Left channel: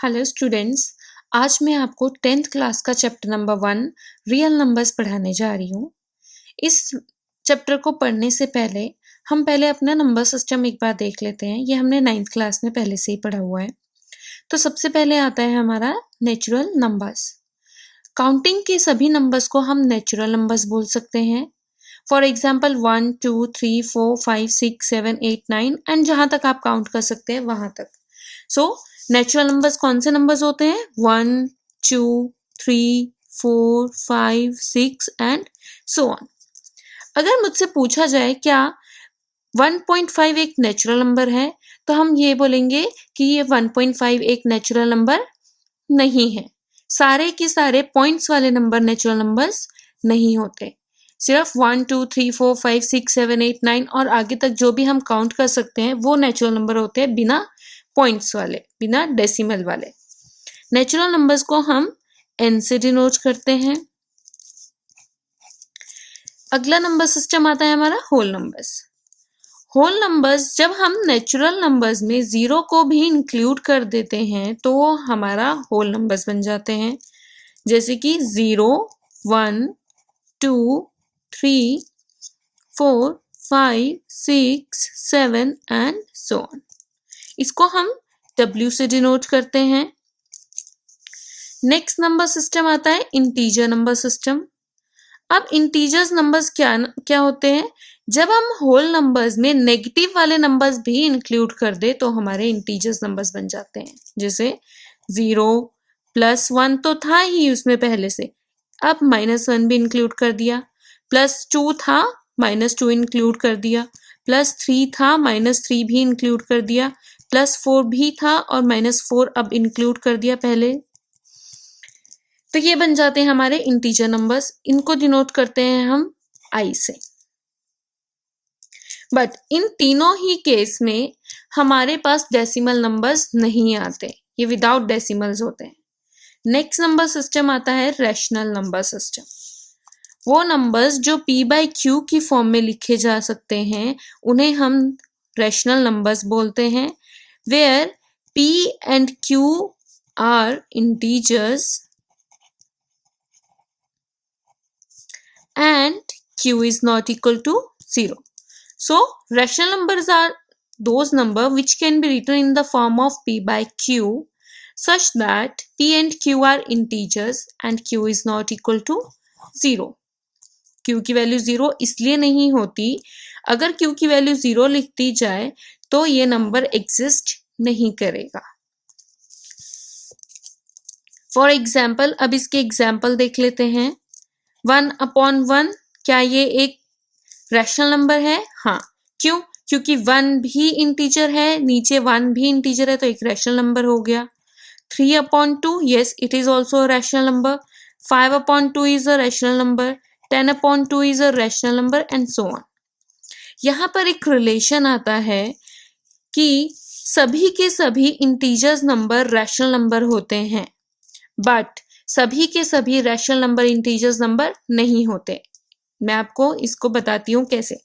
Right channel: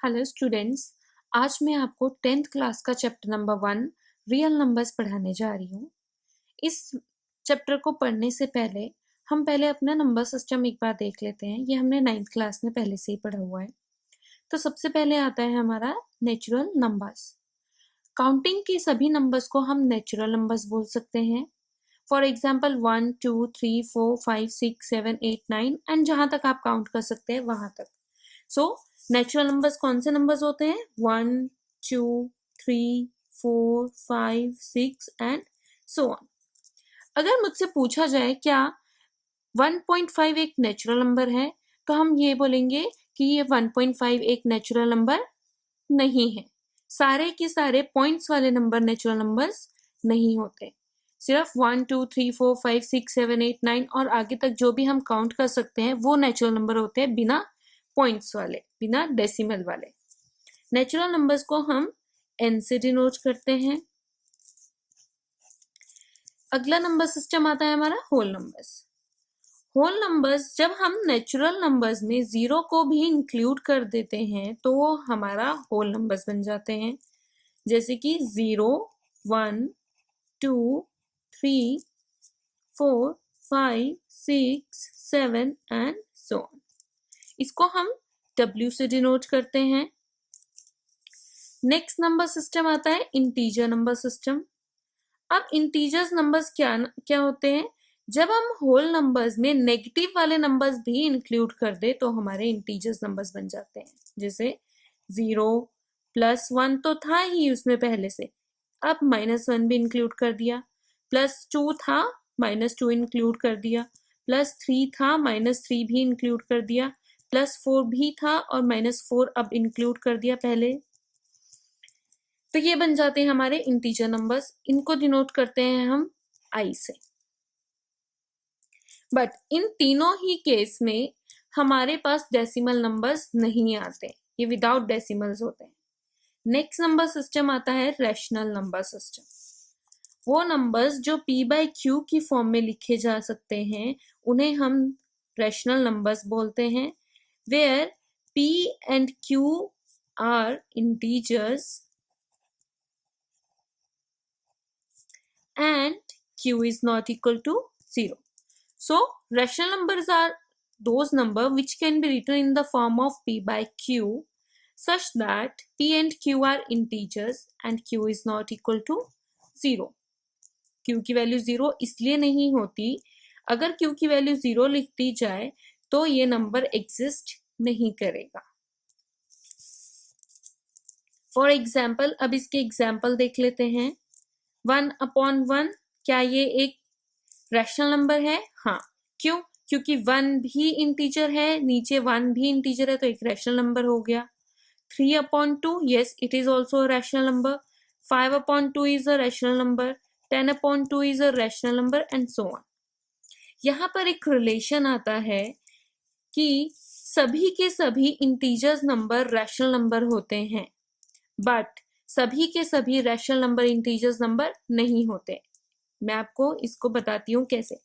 Hello students, आज मैं आपको 10th क्लास का चैप्टर नंबर 1 रियल नंबर्स पढ़ाने जा रही हूँ। इस चैप्टर को पढ़ने से पहले हम पहले अपना नंबर सिस्टम एक बार देख लेते हैं। ये हमने 9th क्लास में पहले से ही पढ़ा हुआ है। तो सबसे पहले आता है हमारा नेचुरल नंबर्स। काउंटिंग के सभी नंबर्स को हम नेचुरल नंबर्स बोल सकते हैं। फॉर एग्जाम्पल 1 2 3 4 5 6 7 8 9 एंड जहाँ तक आप काउंट कर सकते हैं वहाँ तक। सो नेचुरल नंबर्स कौन से नंबर्स होते हैं? 1 2 3 4 5 6 एंड सो ऑन। अगर मुझसे पूछा जाए क्या 1.5 एक नेचुरल नंबर है, तो हम ये बोलेंगे कि ये 1.5 एक नेचुरल नंबर नहीं है। सारे के सारे पॉइंट्स वाले नंबर नेचुरल नंबर्स नहीं होते। सिर्फ 1 2 3 4 5 6 7 8 9 और आगे तक जो भी हम काउंट कर सकते हैं वो नेचुरल नंबर होते हैं, बिना पॉइंट्स वाले, बिना डेसिमल वाले। नेचुरल नंबर्स को हम n से डिनोट करते हैं। अगला नंबर सिस्टम आता है हमारा होल नंबर्स। होल नंबर्स जब हम नेचुरल नंबर्स में जीरो को भी इंक्लूड कर देते हैं तो वो हमारा होल नंबर्स बन जाते हैं। जैसे कि 0 1 2 3 4 5 6 7 एंड सो ऑन। इसको हम W से डिनोट करते हैं। नेक्स्ट नंबर सिस्टम आता है इंटीजर नंबर सिस्टम। अब इंटीजर्स नंबर्स क्या होते हैं? जब हम होल नंबर्स में नेगेटिव वाले नंबर्स भी इंक्लूड कर दे तो हमारे इंटीजर्स नंबर्स बन जाते हैं। जैसे 0 +1 तो था ही उसमें पहले से, अब -1 भी इंक्लूड कर दिया, +2 था -2 इंक्लूड कर दिया, +3 था -3 भी इंक्लूड कर दिया, +4 भी था और -4 अब इंक्लूड कर दिया पहले। तो ये बन जाते हैं हमारे इंटीजर नंबर्स। इनको डिनोट करते हैं हम I से। बट इन तीनों ही केस में हमारे पास डेसिमल नंबर्स नहीं आते, ये विदाउट डेसिमल्स होते हैं। नेक्स्ट नंबर सिस्टम आता है रैशनल नंबर सिस्टम। वो नंबर्स जो p/q की फॉर्म में लिखे जा सकते हैं उन्हें हम रैशनल नंबर्स बोलते हैं, where p and q are integers and q is not equal to 0. So, rational numbers are those numbers which can be written in the form of p/q such that p and q are integers and q is not equal to 0. q की value 0 इसलिए नहीं होती, अगर q की value 0 लिख दी जाए तो ये नंबर एग्जिस्ट नहीं करेगा। फॉर एग्जाम्पल, अब इसके एग्जाम्पल देख लेते हैं। 1/1 क्या ये एक रैशनल नंबर है? हाँ। क्यों? क्योंकि 1 भी इंटीजर है, नीचे 1 भी इंटीजर है तो एक रैशनल नंबर हो गया। 3/2 yes it is also a rational number. 5/2 is a rational number. 10/2 is a rational number and so on. यहाँ पर एक रिलेशन आता है कि सभी के सभी इंटीजर्स नंबर रैशनल नंबर होते हैं, बट सभी के सभी रैशनल नंबर इंटीजर्स नंबर नहीं होते। मैं आपको इसको बताती हूँ कैसे।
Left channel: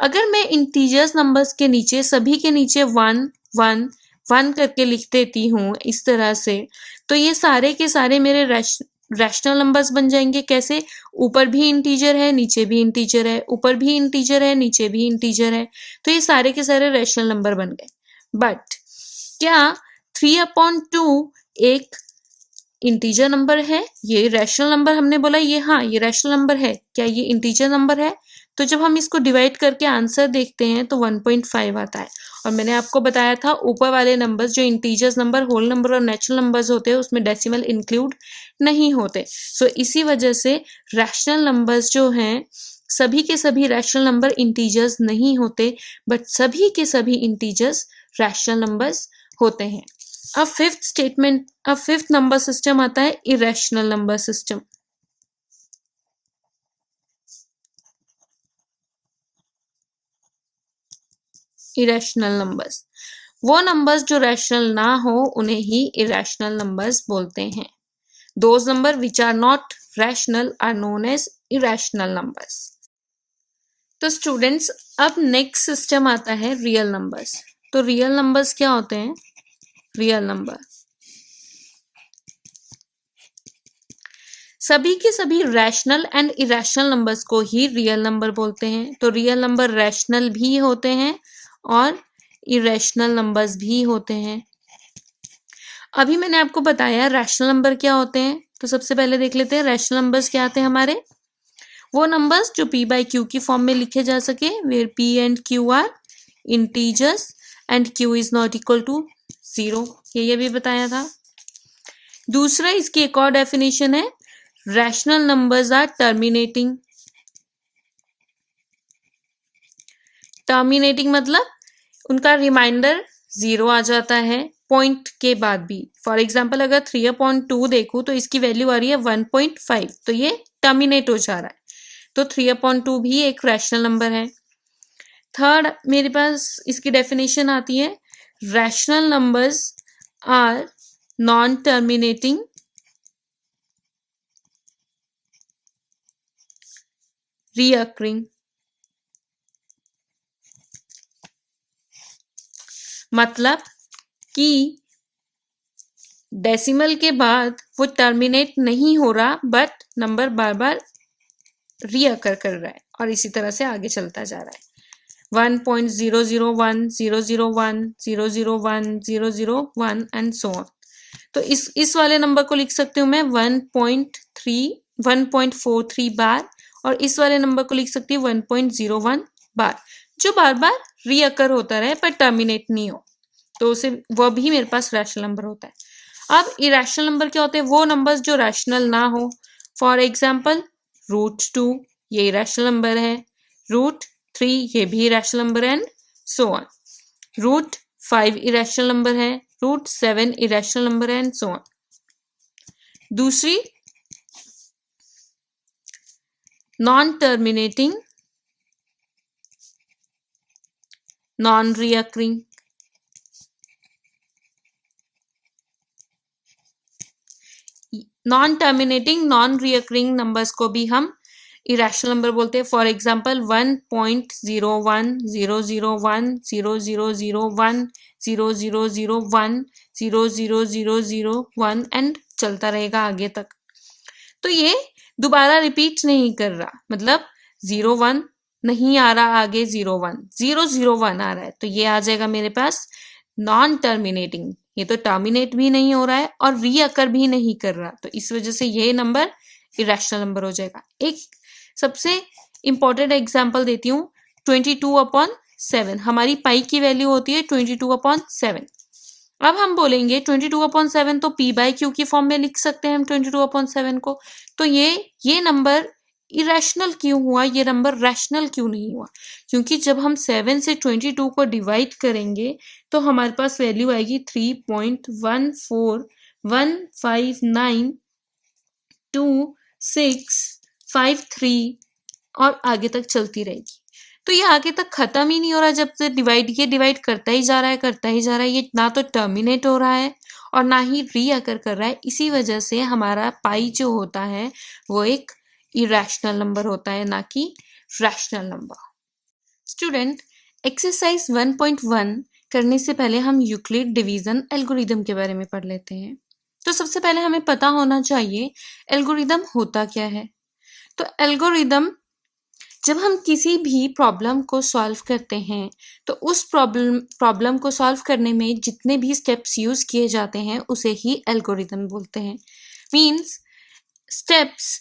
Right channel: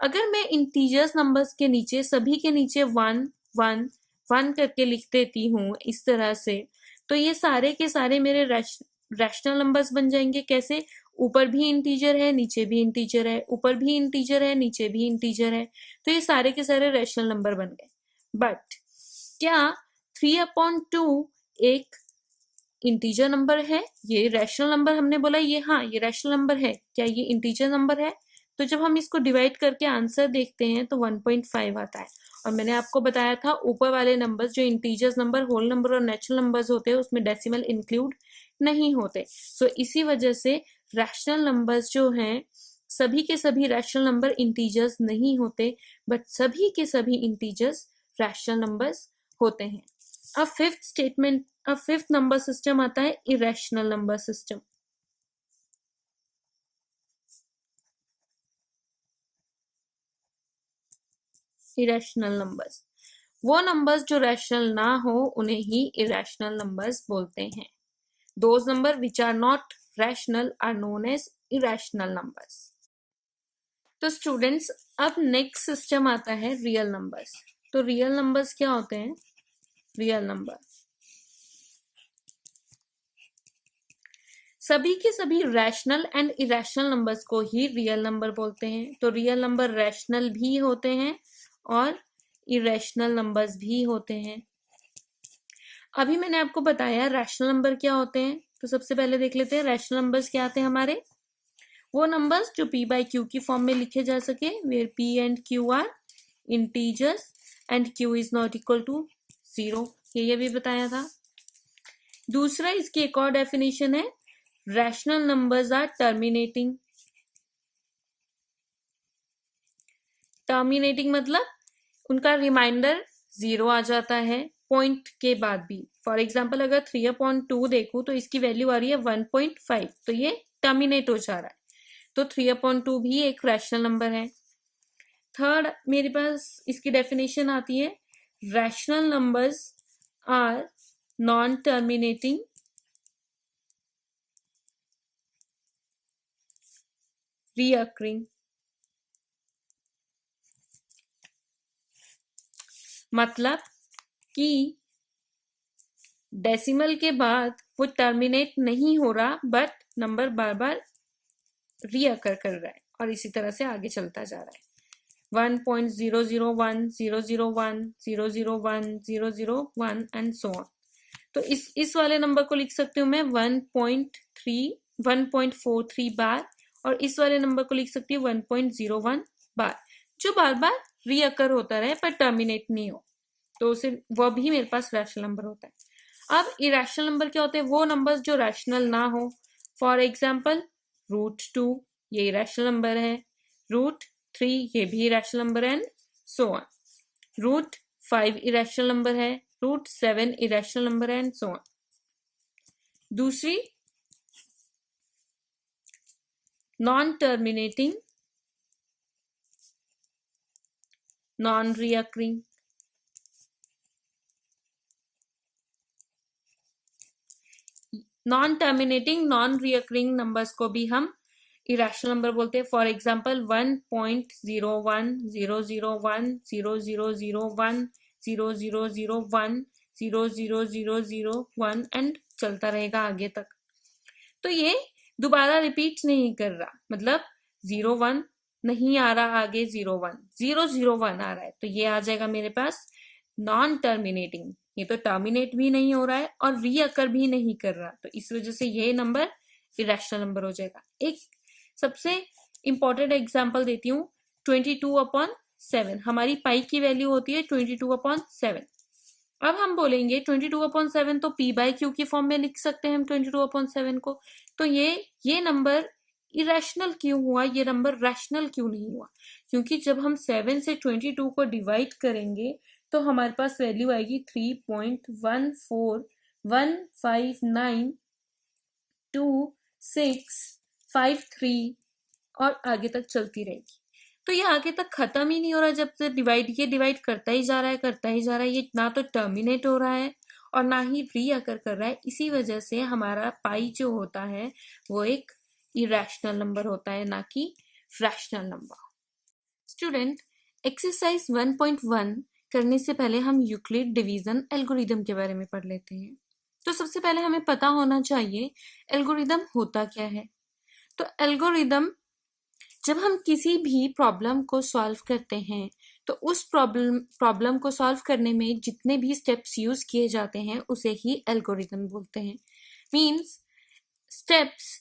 अगर मैं इंटीजर्स नंबर्स के नीचे सभी के नीचे 1 1 1 करके लिख देती हूँ इस तरह से, तो ये सारे के सारे मेरे रैशनल नंबर्स बन जाएंगे। कैसे? ऊपर भी इंटीजर है, नीचे भी इंटीजर है, ऊपर भी इंटीजर है, नीचे भी इंटीजर है, तो ये सारे के सारे रैशनल नंबर बन गए। बट क्या 3/2 एक इंटीजर नंबर है? ये रैशनल नंबर हमने बोला, ये हाँ ये रैशनल नंबर है, क्या ये इंटीजर नंबर है? तो जब हम इसको डिवाइड करके आंसर देखते हैं तो 1.5 आता है। और मैंने आपको बताया था ऊपर वाले नंबर्स जो इंटीजर्स नंबर, होल नंबर और नेचुरल नंबर्स होते हैं उसमें डेसिमल इंक्लूड नहीं होते। सो इसी वजह से रैशनल नंबर्स जो हैं, सभी के सभी रैशनल नंबर इंटीजर्स नहीं होते, बट सभी के सभी इंटीजर्स रैशनल नंबर्स होते हैं। अब फिफ्थ नंबर सिस्टम आता है irrational number system. Irrational numbers, वो नंबर्स जो रैशनल ना हो उन्हें ही इरेशनल नंबर्स बोलते हैं। Those number which are not rational are known as irrational numbers. तो स्टूडेंट्स, अब नेक्स्ट सिस्टम आता है रियल नंबर्स। तो रियल नंबर्स क्या होते हैं? रियल नंबर सभी के सभी रैशनल एंड इरेशनल नंबर्स को ही रियल नंबर बोलते हैं। तो रियल नंबर रैशनल भी होते हैं और इरेशनल नंबर्स भी होते हैं। अभी मैंने आपको बताया रैशनल नंबर क्या होते हैं, तो सबसे पहले देख लेते हैं रैशनल नंबर्स क्या आते हैं हमारे। वो नंबर्स जो p बाई क्यू की फॉर्म में लिखे जा सके, where p and q are integers and q is not equal to 0, ये भी बताया था। दूसरा इसकी एक और डेफिनेशन है, rational numbers are terminating. Terminating मतलब उनका रिमाइंडर 0 आ जाता है पॉइंट के बाद भी। फॉर एग्जाम्पल अगर 3/2 देखूं तो इसकी वैल्यू आ रही है 1.5, तो ये टर्मिनेट हो जा रहा है। तो 3/2 भी एक रैशनल नंबर है। थर्ड मेरे पास इसकी डेफिनेशन आती है, rational numbers are non terminating recurring. मतलब कि डेसिमल के बाद वो टर्मिनेट नहीं हो रहा, बट नंबर बार बार रीअकर कर रहा है और इसी तरह से आगे चलता जा रहा है। 1.001 001 001 001 एंड सो ऑन। तो इस वाले नंबर को लिख सकती हूँ मैं 1.43 बार, और इस वाले नंबर को लिख सकती हूँ 1.01 बार, जो बार बार रीअकर होता रहे पर टर्मिनेट नहीं हो, तो उसे वह भी मेरे पास रैशनल नंबर होता है। अब इरेशनल नंबर क्या होते हैं, वो नंबर्स जो रैशनल ना हो। फॉर एग्जाम्पल √2 ये इरेशनल नंबर है, √3 ये भी इरेशनल नंबर है, and so on. √5 irrational number है, √7 इरेशनल नंबर है, एंड सो ऑन। दूसरी non terminating non recurring. Non terminating non recurring numbers को भी हम इरेशनल नंबर बोलते हैं। फॉर एग्जाम्पल 1.01 001 0001 0001 00001 एंड चलता रहेगा आगे तक। तो ये दोबारा रिपीट नहीं कर रहा, मतलब 01 नहीं आ रहा, आगे 01 001 आ रहा है, तो ये आ जाएगा मेरे पास नॉन टर्मिनेटिंग। ये तो टर्मिनेट भी नहीं हो रहा है और रीअकर भी नहीं कर रहा, तो इस वजह से ये नंबर इरेशनल नंबर हो जाएगा। एक सबसे इंपॉर्टेंट एग्जांपल देती हूँ, 22/7 हमारी पाई की वैल्यू होती है 22/7। अब हम बोलेंगे 22/7 तो p बाई क्यू की फॉर्म में लिख सकते हैं हम 22/7 को, तो ये नंबर इरेशनल क्यों हुआ, ये नंबर रैशनल क्यों नहीं हुआ? क्योंकि जब हम 7 से 22 को डिवाइड करेंगे तो हमारे पास वैल्यू आएगी 3.141592653 और आगे तक चलती रहेगी। तो ये आगे तक खत्म ही नहीं हो रहा, जब से ये डिवाइड करता ही जा रहा है, करता ही जा रहा है। ये ना तो टर्मिनेट हो रहा है और ना ही रीअकर कर रहा है। इसी वजह से हमारा पाई जो होता है वो एक इरेशनल नंबर होता है, ना कि रैशनल नंबर। स्टूडेंट, एक्सरसाइज 1.1 करने से पहले हम यूक्लिड डिवीजन एल्गोरिदम के बारे में पढ़ लेते हैं। तो सबसे पहले हमें पता होना चाहिए एल्गोरिदम होता क्या है। तो एल्गोरिदम, जब हम किसी भी प्रॉब्लम को सॉल्व करते हैं तो उस प्रॉब्लम को सॉल्व करने में जितने भी स्टेप्स यूज किए जाते हैं उसे ही एल्गोरिदम बोलते हैं। Means steps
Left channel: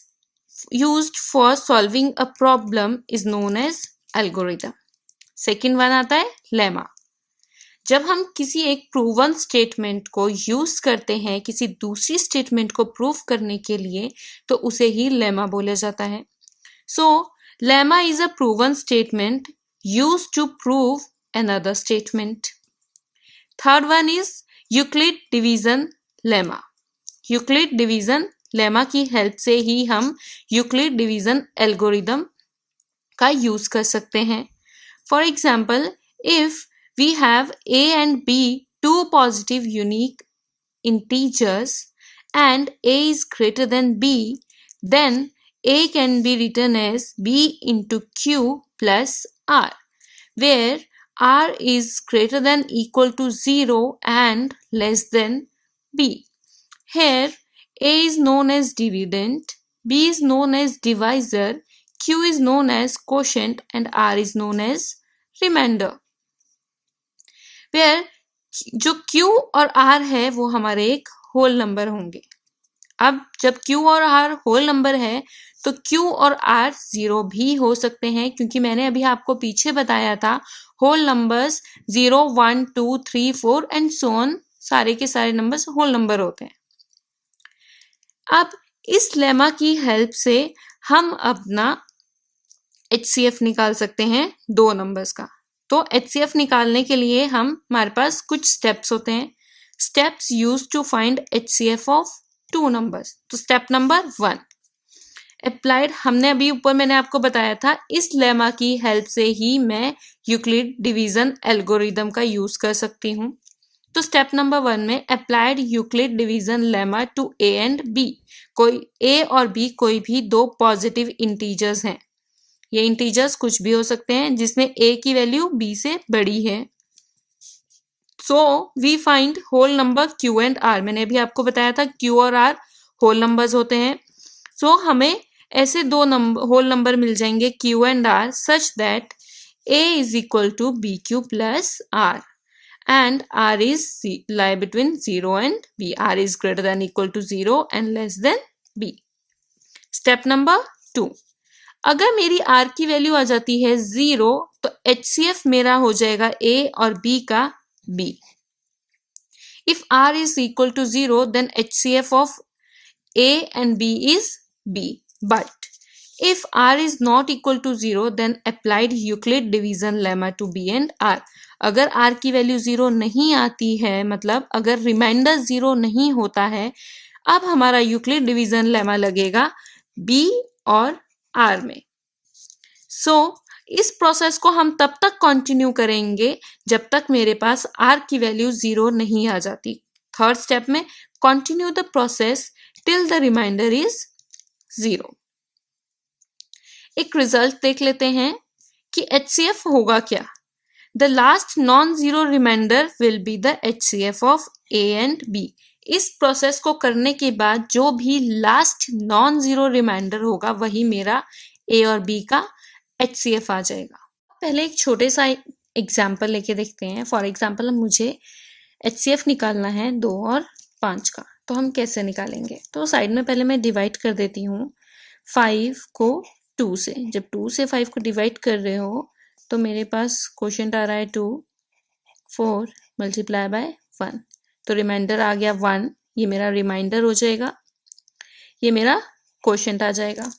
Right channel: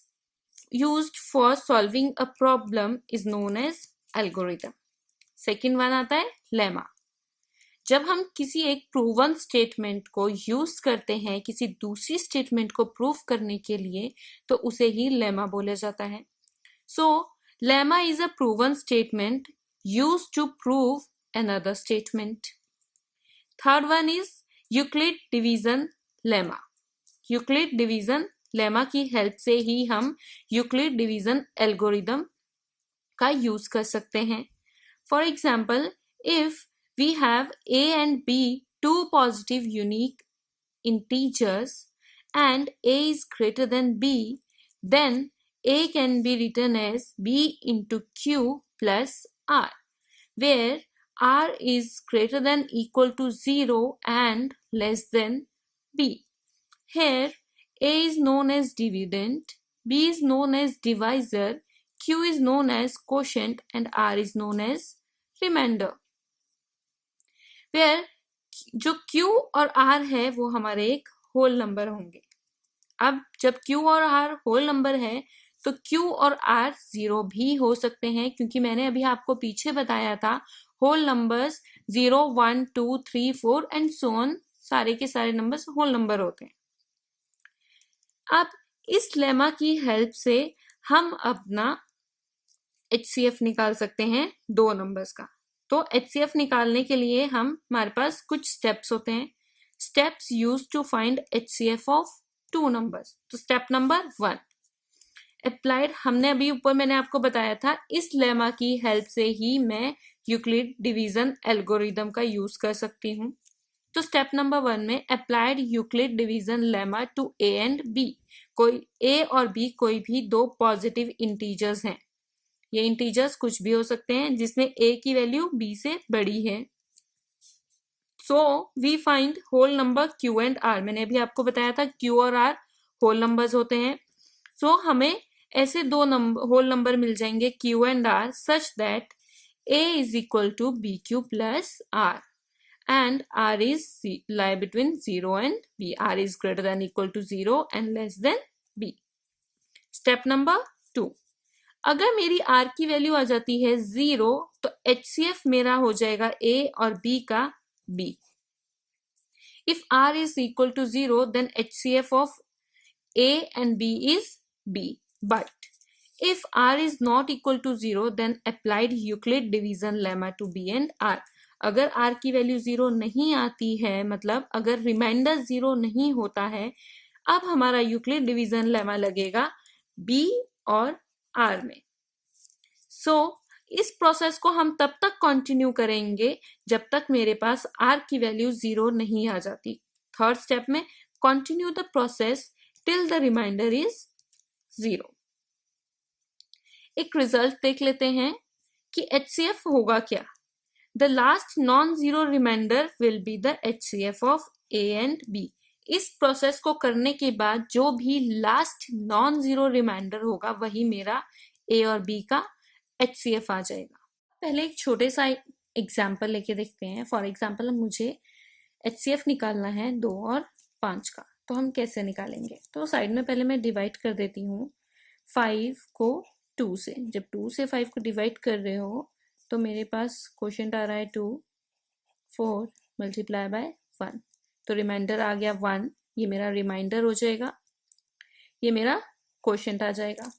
used for solving a problem is known as algorithm. Second one आता है लेमा। जब हम किसी एक प्रूवन स्टेटमेंट को यूज करते हैं किसी दूसरी स्टेटमेंट को प्रूव करने के लिए तो उसे ही लेमा बोला जाता है। So lemma is a proven statement used to prove another statement. Third one is Euclid division lemma. Euclid division lemma की हेल्प से ही हम यूक्लिड डिवीजन एल्गोरिदम का यूज कर सकते हैं। For example, if we have a and b, two positive unique integers, and a is greater than b, then a can be written as b into q plus r, where r is greater than equal to 0 and less than b. Here a is known as dividend, B is known as divisor, Q is known as quotient and R is known as remainder. Where जो Q और R है वो हमारे एक whole number होंगे. अब जब Q और R होल नंबर है तो Q और R जीरो भी हो सकते हैं, क्योंकि मैंने अभी आपको पीछे बताया था whole numbers 0, 1, 2, 3, 4 and so on, सारे के सारे नंबर्स होल नंबर होते हैं. अब इस लेमा की हेल्प से हम अपना HCF निकाल सकते हैं दो नंबर्स का. तो HCF निकालने के लिए हमारे पास कुछ स्टेप्स होते हैं. Steps use to find HCF of two numbers. तो स्टेप नंबर 1 अप्लाइड. हमने अभी ऊपर मैंने आपको बताया था इस लेमा की हेल्प से ही मैं यूक्लिड डिवीजन एल्गोरिदम का यूज कर सकती हूँ. तो स्टेप नंबर 1 में applied Euclid division lemma to A and B. कोई A और B कोई भी दो पॉजिटिव इंटीजर्स हैं. ये इंटीजर्स कुछ भी हो सकते हैं जिसमें A की वैल्यू B से बड़ी है. So we find whole number Q and R. मैंने अभी आपको बताया था Q और R होल नंबर्स होते हैं. सो हमें ऐसे दो होल नंबर मिल जाएंगे Q and R such that A is equal to BQ plus R and R is lie between 0 and B. R is greater than equal to 0 and less than B. Step number 2. अगर मेरी R की value आ जाती है 0 तो HCF मेरा हो जाएगा A और B का B. If R is equal to 0 then HCF of A and B is B. But if R is not equal to 0 then applied Euclid division lemma to B and R. अगर R की value 0 नहीं आती है, मतलब अगर reminder 0 नहीं होता है, अब हमारा यूक्लिड डिवीजन लेमा लगेगा B और R में. सो इस प्रोसेस को हम तब तक कंटिन्यू करेंगे जब तक मेरे पास R की वैल्यू 0 नहीं आ जाती. थर्ड स्टेप में continue the process till the remainder is 0. एक रिजल्ट देख लेते हैं कि HCF होगा क्या. The last non-zero remainder will be the HCF of A and B. इस प्रोसेस को करने के बाद जो भी लास्ट नॉन जीरो रिमाइंडर होगा वही मेरा A और B का HCF आ जाएगा. पहले एक छोटे सा एग्जाम्पल लेके देखते हैं. फॉर एग्जाम्पल मुझे HCF निकालना है 2 और 5 का. तो हम कैसे निकालेंगे. तो साइड में पहले मैं डिवाइड कर देती हूँ 5 को 2 से. जब 2 से 5 को डिवाइड कर रहे हो तो मेरे पास क्वोशंट आ रहा है 2, 4 मल्टीप्लाई बाय 1. तो रिमाइंडर आ गया 1. ये मेरा रिमाइंडर हो जाएगा, ये मेरा क्वोशंट आ जाएगा.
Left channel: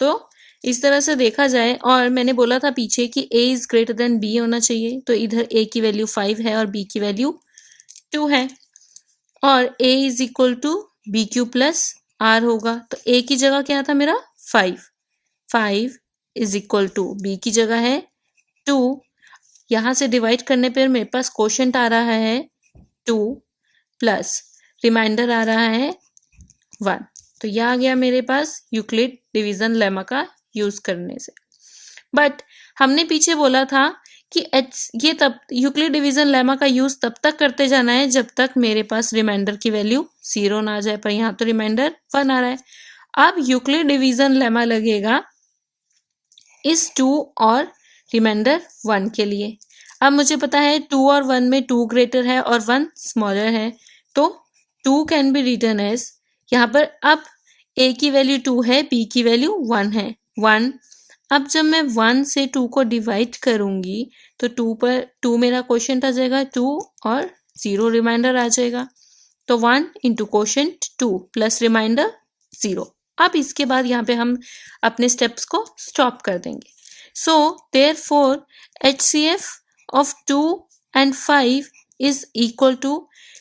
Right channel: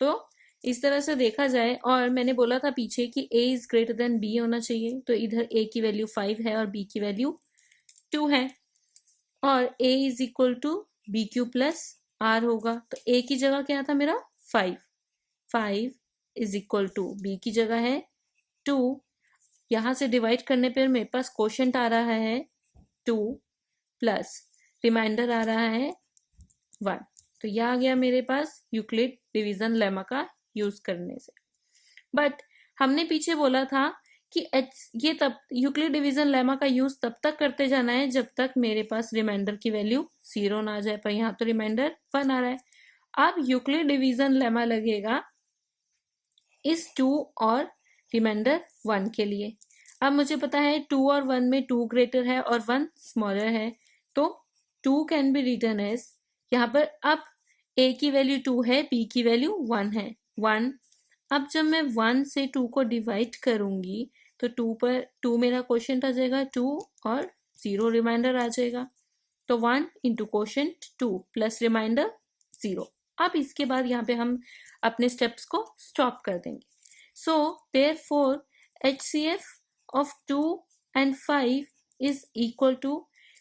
तो इस तरह से देखा जाए, और मैंने बोला था पीछे कि A is greater then B होना चाहिए. तो इधर A की वैल्यू 5 है और B की वैल्यू 2 है, और A is equal to BQ plus R होगा. तो A की जगह क्या था मेरा 5. 5 इज इक्वल टू B की जगह है 2. यहाँ से डिवाइड करने पर मेरे पास क्वोशंट आ रहा है 2 प्लस रिमाइंडर आ रहा है 1. तो यह आ गया मेरे पास यूक्लिड डिवीजन लेमा का यूज करने से. बट हमने पीछे बोला था कि ये तब यूक्लिड डिवीजन लेमा का यूज तब तक करते जाना है जब तक मेरे पास रिमाइंडर की वैल्यू 0 ना आ जाए. पर यहाँ तो रिमाइंडर 1 आ रहा है. अब यूक्लिड डिवीजन लेमा लगेगा इस 2 और रिमाइंडर 1 के लिए. अब मुझे पता है 2 और 1 में 2 ग्रेटर है और 1 स्मॉलर है. तो 2 कैन बी रिटन एज, यहाँ पर अब A की वैल्यू 2 है, B की वैल्यू 1 है, 1. अब जब मैं 1 से 2 को डिवाइड करूंगी तो 2 पर 2 मेरा क्वोशंट आ जाएगा 2 और 0 रिमाइंडर आ जाएगा. तो 1 इंटू क्वोशंट 2 प्लस रिमाइंडर 0. अब इसके बाद यहाँ पे हम अपने स्टेप्स को स्टॉप कर देंगे. So therefore HCF of 2 and 5 is equal to,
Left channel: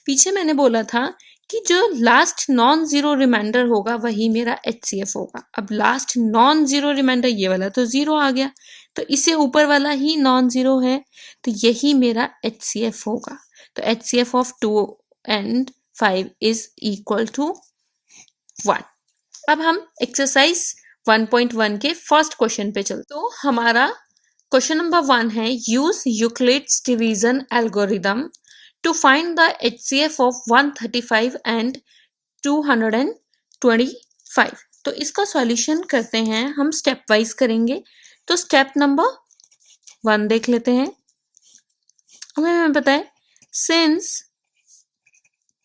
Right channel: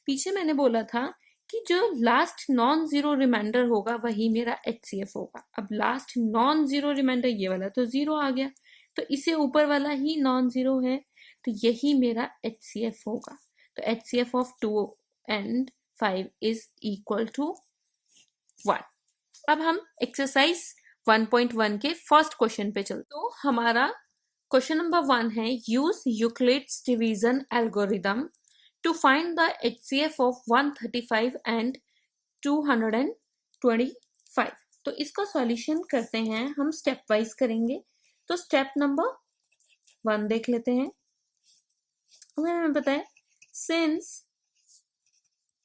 पीछे मैंने बोला था कि जो लास्ट नॉन जीरो रिमाइंडर होगा वही मेरा HCF होगा. अब लास्ट नॉन जीरो रिमाइंडर ये वाला तो 0 आ गया, तो इससे ऊपर वाला ही नॉन जीरो है, तो यही मेरा HCF होगा. तो HCF of 2 and 5 is equal to 1. अब हम एक्सरसाइज 1.1 के फर्स्ट क्वेश्चन पे चलते. तो हमारा क्वेश्चन नंबर 1 है use Euclid's division algorithm to find the HCF of 135 and 225. तो इसका सॉल्यूशन करते हैं हम, स्टेप वाइज करेंगे। तो स्टेप नंबर 1 देख लेते हैं। हमें पता है since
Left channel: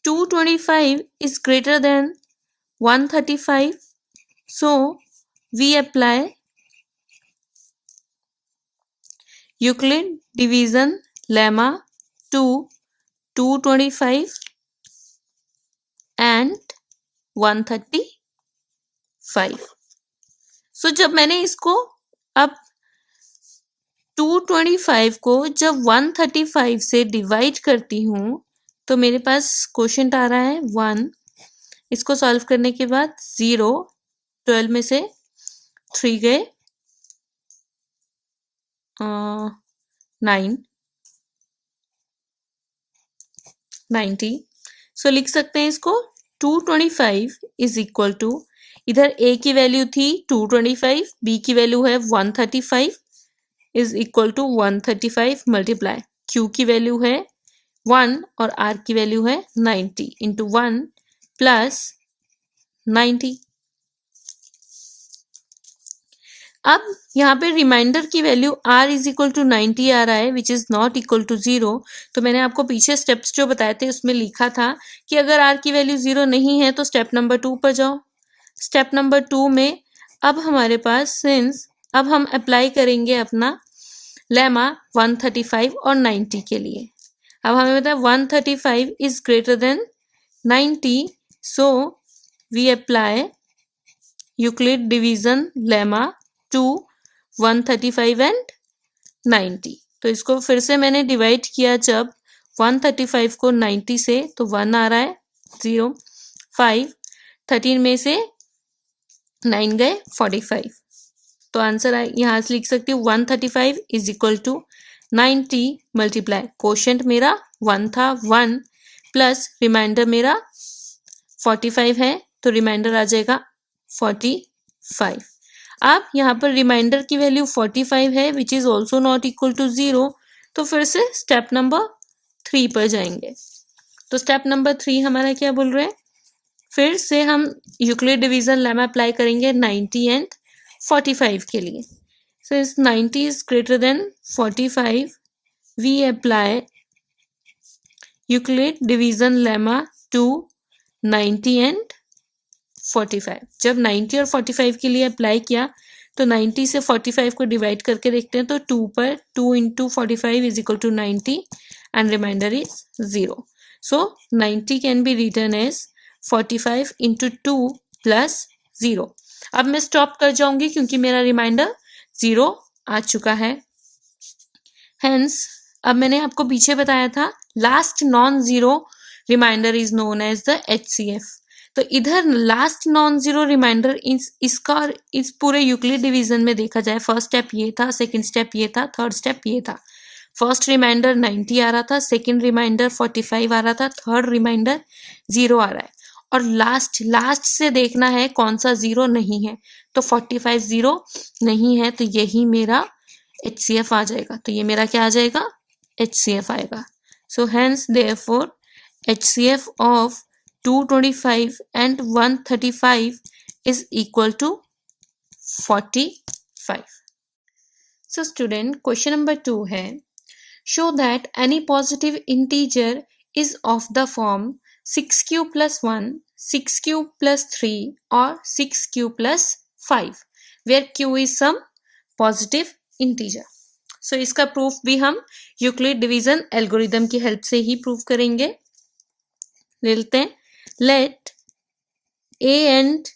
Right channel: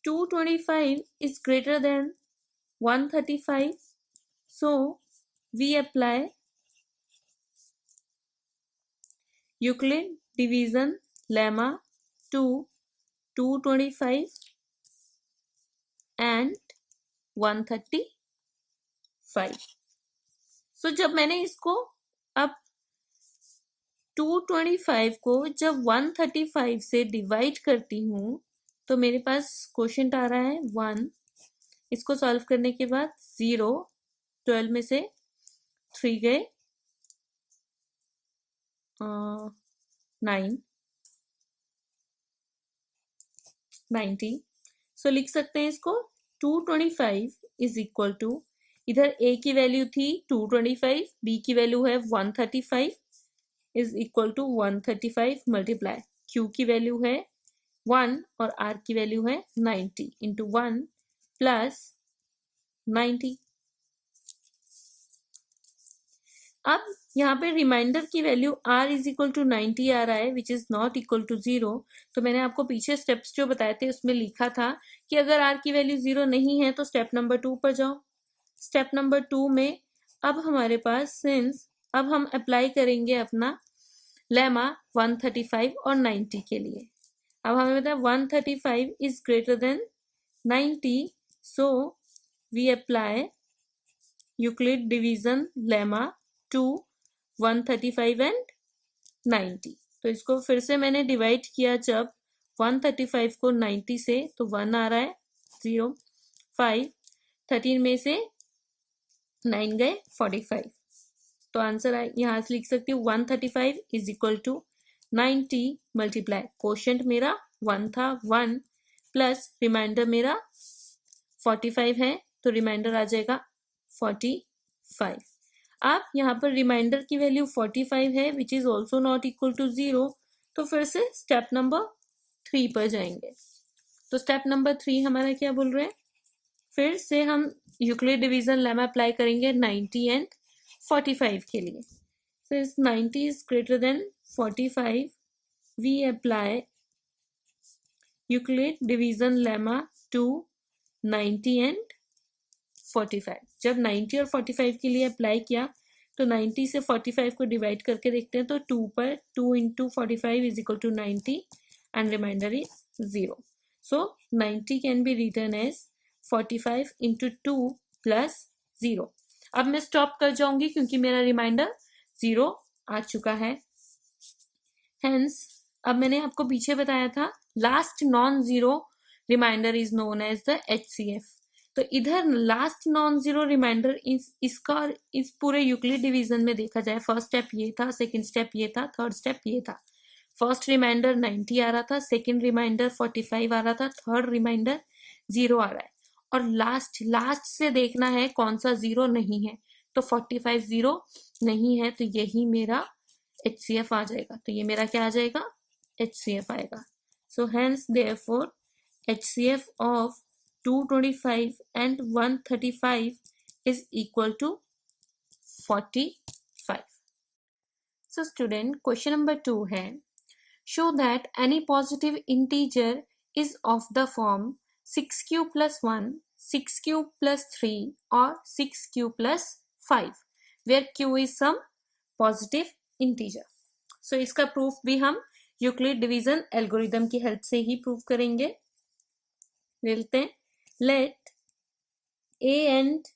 225 is greater than 135, so we apply Euclid division lemma to 225 and 135. So जब मैंने इसको अब 225 को जब 135 से डिवाइड करती हूँ तो मेरे पास क्वोशंट आ रहा है 1। इसको सॉल्व करने के बाद 0, 12 में से 3 गए 9, 90। सो लिख सकते हैं इसको 225 इज इक्वल टू, इधर a की वैल्यू थी 225, b की वैल्यू है 135, is equal to 135 multiply q की वैल्यू है 1 और r की वैल्यू है 90 इंटू 1 प्लस 90। अब यहाँ पे रिमाइंडर की value r is equal to 90 आ रहा है which is not equal to 0। तो मैंने आपको पीछे स्टेप्स जो बताए थे उसमें लिखा था कि अगर r की वैल्यू 0 नहीं है तो स्टेप नंबर 2 पर जाओ। स्टेप नंबर 2 में अब हमारे पास सिंस अब हम अप्लाई करेंगे अपना लेमा 135 और 90 के लिए। अब हमें पता है 135 is greater than 90, so we apply Euclid division lemma to 135 and 90। तो इसको फिर से मैंने डिवाइड किया जब 135 को 90 से, तो 1 आ रहा है 0, 5, 13 में से 9 गए 45। तो आंसर यहाँ से लिख सकती हूँ 135 is equal to 90 multiply quotient मेरा 1 था 1 प्लस रिमाइंडर मेरा 45 है तो रिमाइंडर आ जाएगा 45। अब यहाँ पर रिमाइंडर की वैल्यू 45 है which is also not equal to 0। तो फिर से स्टेप नंबर 3 पर जाएंगे। तो स्टेप नंबर 3 हमारा क्या बोल रहे हैं, फिर से हम यूक्लिड डिवीजन लेमा अप्लाई करेंगे 90 एंड 45 के लिए। सो इस 90 is greater than 45, we apply Euclid division lemma to 90 and 45। जब 90 और 45 के लिए अप्लाई किया तो 90 से 45 को डिवाइड करके देखते हैं तो 2 पर 2 into 45 is equal to 90 and remainder is 0। So 90 can be written as 45 into 2 plus 0। अब मैं स्टॉप कर जाऊंगी क्योंकि मेरा रिमाइंडर 0 आ चुका है। हेंस अब मैंने आपको पीछे बताया था last non zero remainder is known as the HCF। तो इधर लास्ट नॉन जीरो रिमाइंडर इसका इस पूरे यूक्लिड डिवीजन में देखा जाए, फर्स्ट स्टेप ये था, सेकंड स्टेप ये था, थर्ड स्टेप ये था। फर्स्ट रिमाइंडर 90 आ रहा था, सेकंड रिमाइंडर 45 आ रहा था, थर्ड रिमाइंडर 0 आ रहा है और लास्ट से देखना है कौन सा 0 नहीं है। तो 45 0 नहीं है तो यही मेरा HCF आ जाएगा। तो ये मेरा क्या आ जाएगा, HCF आएगा। So hence therefore HCF of 225 and 135 is equal to 45. So student, question number 2 है, show that any positive integer is of the form 6q plus 1, 6q plus 3 or 6q plus 5 where q is some positive integer. So इसका proof भी हम Euclid division algorithm की help से ही proof करेंगे। ले लेते हैं, let a and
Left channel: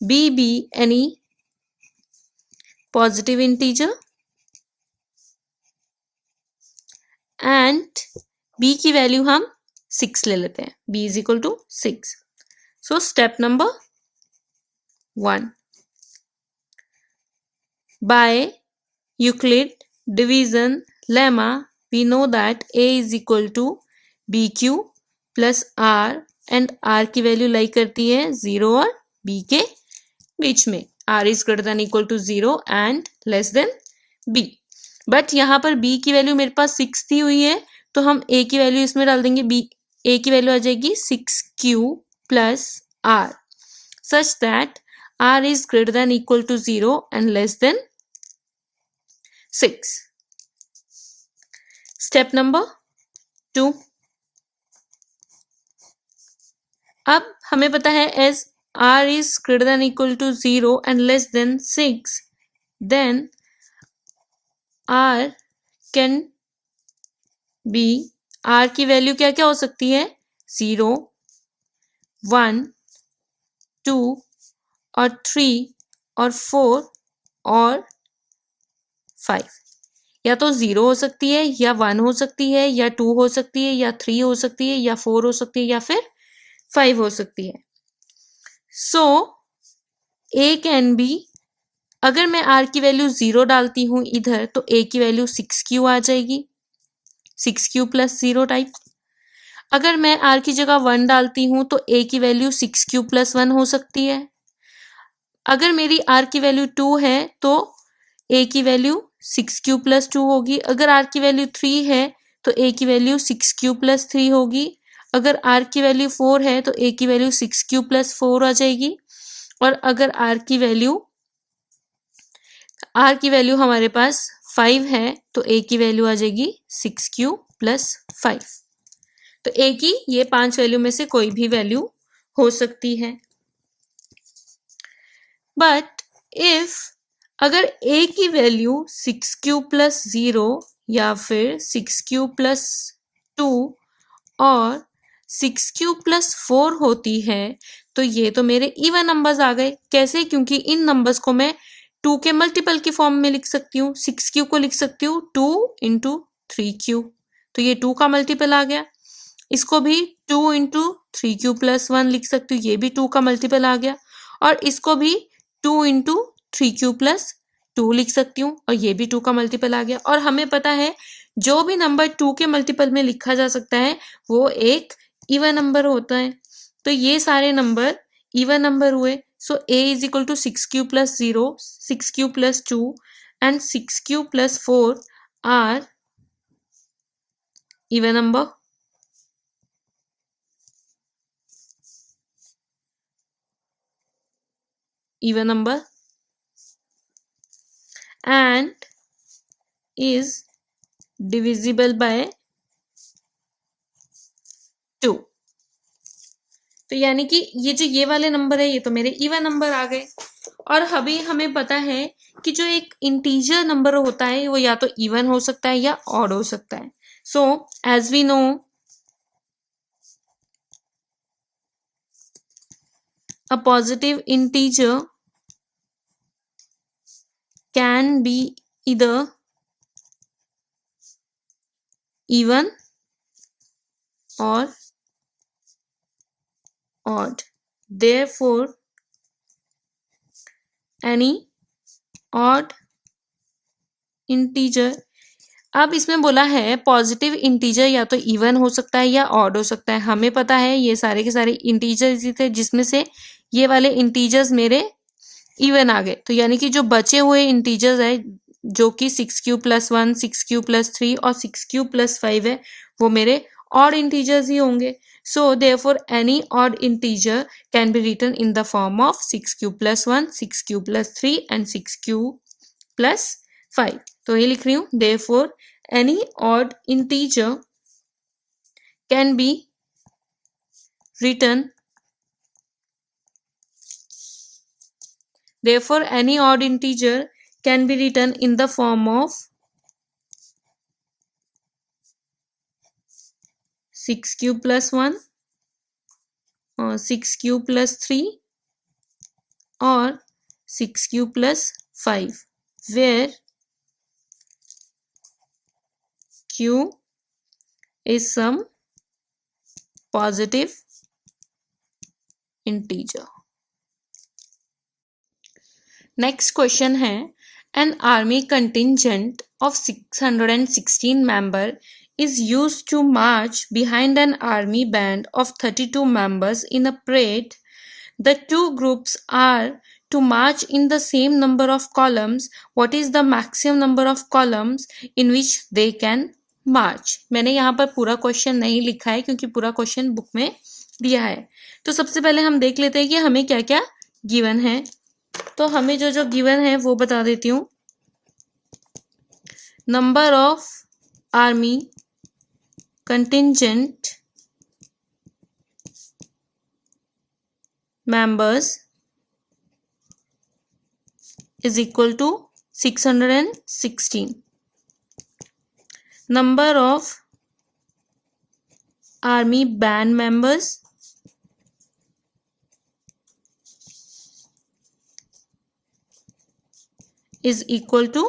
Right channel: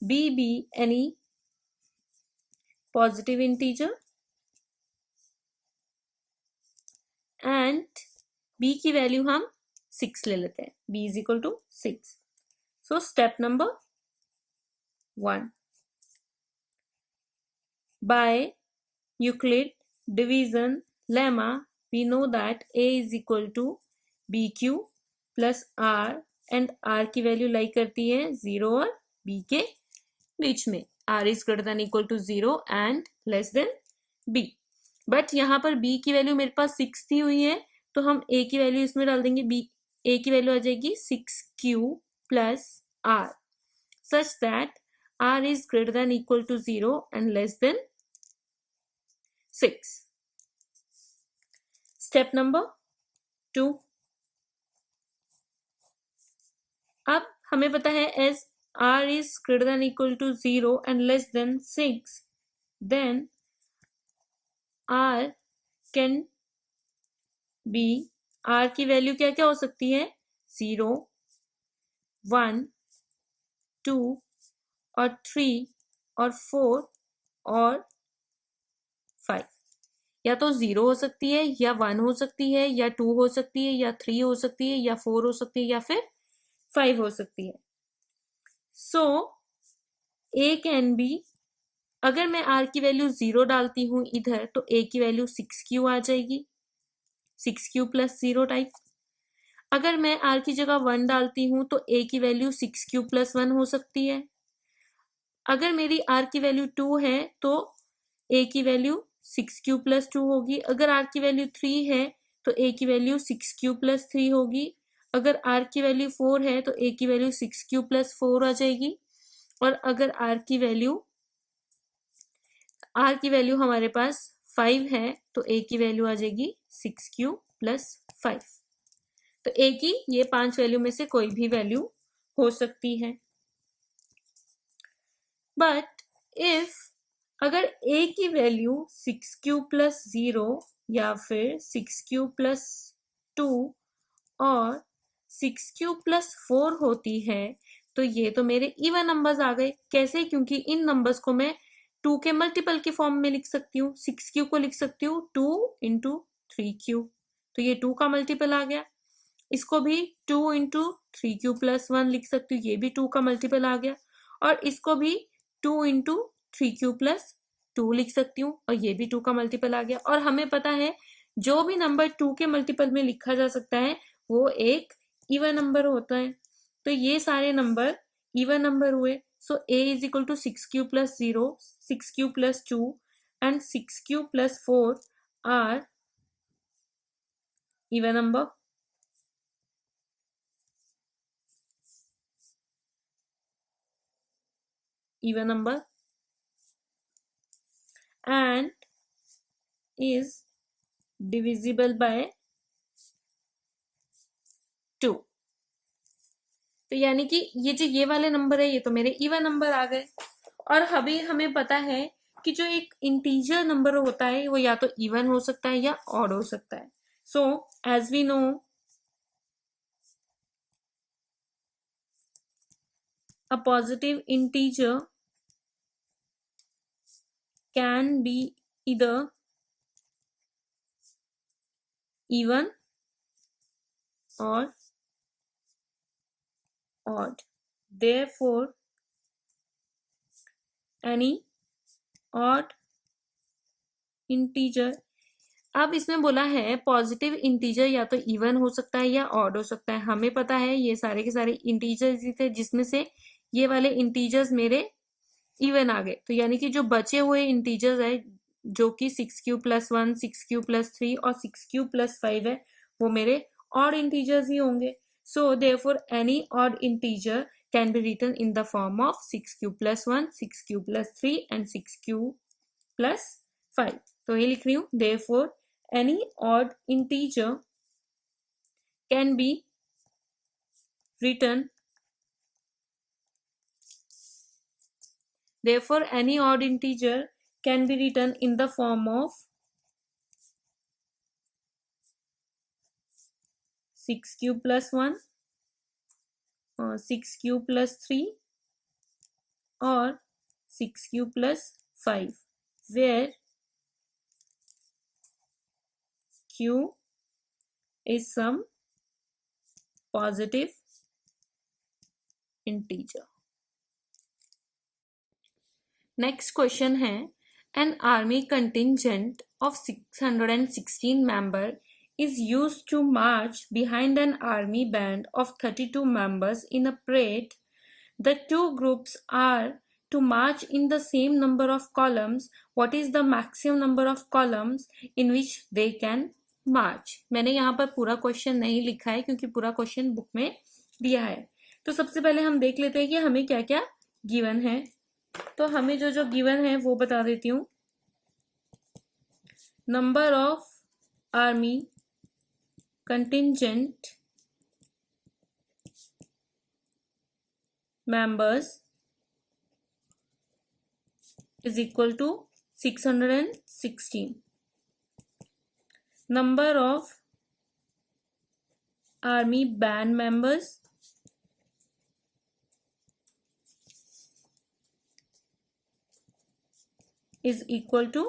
b be any positive integer and b की वैल्यू हम 6 ले लेते हैं, b is equal to 6. So step number 1, by Euclid division lemma we know that a is equal to bq plus r and r की value lie करती है 0 और b के बीच में, r is greater than equal to 0 and less than b। But यहाँ पर b की वैल्यू मेरे पास 6 दी हुई है तो हम a की वैल्यू इसमें डाल देंगे, a की वैल्यू आ जाएगी 6q plus r such that r is greater than equal to 0 and less than 6. Step number 2. अब हमें पता है as r is greater than equal to 0 and less than 6, then r can be, r की value क्या क्या हो सकती है? 0, 1, 2 और 3 और 4 और 5. या तो 0 हो सकती है, या 1 हो सकती है, या 2 हो सकती है, या 3 हो सकती है, या 4 हो सकती है, या फिर 5 हो सकती है. सो a कैन बी, अगर मैं r की वैल्यू 0 डालती हूँ इधर तो a की वैल्यू 6q आ जाएगी, 6q प्लस 0 टाइप. अगर मैं r की जगह 1 डालती हूँ तो a की वैल्यू 6q प्लस 1 हो सकती है. अगर मेरी r की वैल्यू 2 है तो a की वैल्यू 6q प्लस 2 होगी. अगर r की वैल्यू 3 है तो a की वैल्यू 6q प्लस 3 होगी. अगर r की वैल्यू 4 है तो a की वैल्यू 6q प्लस 4 आ जाएगी. और अगर r की वैल्यू हमारे पास 5 है तो a की वैल्यू आ जाएगी 6q प्लस 5. तो a की ये 5 वैल्यू में से कोई भी वैल्यू हो सकती है. बट इफ अगर a की वैल्यू 6q प्लस 0 या फिर 6q प्लस 2 और 6q प्लस 4 होती है तो ये तो मेरे इवन नंबर्स आ गए. कैसे? क्योंकि इन नंबर्स को मैं 2 के मल्टीपल की फॉर्म में लिख सकती हूँ. 6q को लिख सकती हूँ 2 इंटू 3q, तो ये 2 का मल्टीपल आ गया. इसको भी 2 इंटू 3q प्लस 1 लिख सकती हूँ, ये भी 2 का मल्टीपल आ गया. और इसको भी 2 इंटू 3q प्लस 2 लिख सकती हूँ और ये भी 2 का मल्टीपल आ गया. और हमें पता है जो भी नंबर 2 के मल्टीपल में लिखा जा सकता है वो एक इवन नंबर होता है. तो ये सारे नंबर इवन नंबर हुए. So a is equal to 6q plus 0, 6q plus 2 and 6q plus 4 are even number. Even number and is divisible by 2. तो यानी कि ये जो ये वाले नंबर है ये तो मेरे इवन नंबर आ गए. और अभी हमें पता है कि जो एक इंटीजर नंबर होता है वो या तो इवन हो सकता है या ऑड हो सकता है. So as we know a positive integer can be either even or odd. Therefore, any odd integer, अब इसमें बोला है पॉजिटिव इंटीजर या तो इवन हो सकता है या ऑड हो सकता है. हमें पता है ये सारे के सारे इंटीजर्स ही थे जिसमें से ये वाले इंटीजर्स मेरे इवन आ गए. तो यानी कि जो बचे हुए इंटीजर्स है जो कि 6q प्लस 1, 6q प्लस 3 और 6q प्लस 5 है वो मेरे ऑड इंटीजर्स ही होंगे. So therefore any odd integer can be written in the form of 6q plus 1, 6q plus 3 and 6q plus 5. तो ये लिख रही हूँ therefore any odd integer can be written in the form of 6q plus 1 or 6q plus 3 or 6q plus 5 where q is some positive integer. Next question है an army contingent of 616 member is used to march behind an army band of 32 members in a parade. The two groups are to march in the same number of columns. What is the maximum number of columns in which they can march? मैंने यहाँ पर पूरा question नहीं लिखा है क्योंकि पूरा question book में दिया है. तो सबसे पहले हम देख लेते हैं कि हमें क्या क्या गिवन है. तो हमें जो जो गिवन है वो बता देती हूँ। Number of army contingent members is equal to 616. Number of army band members is equal to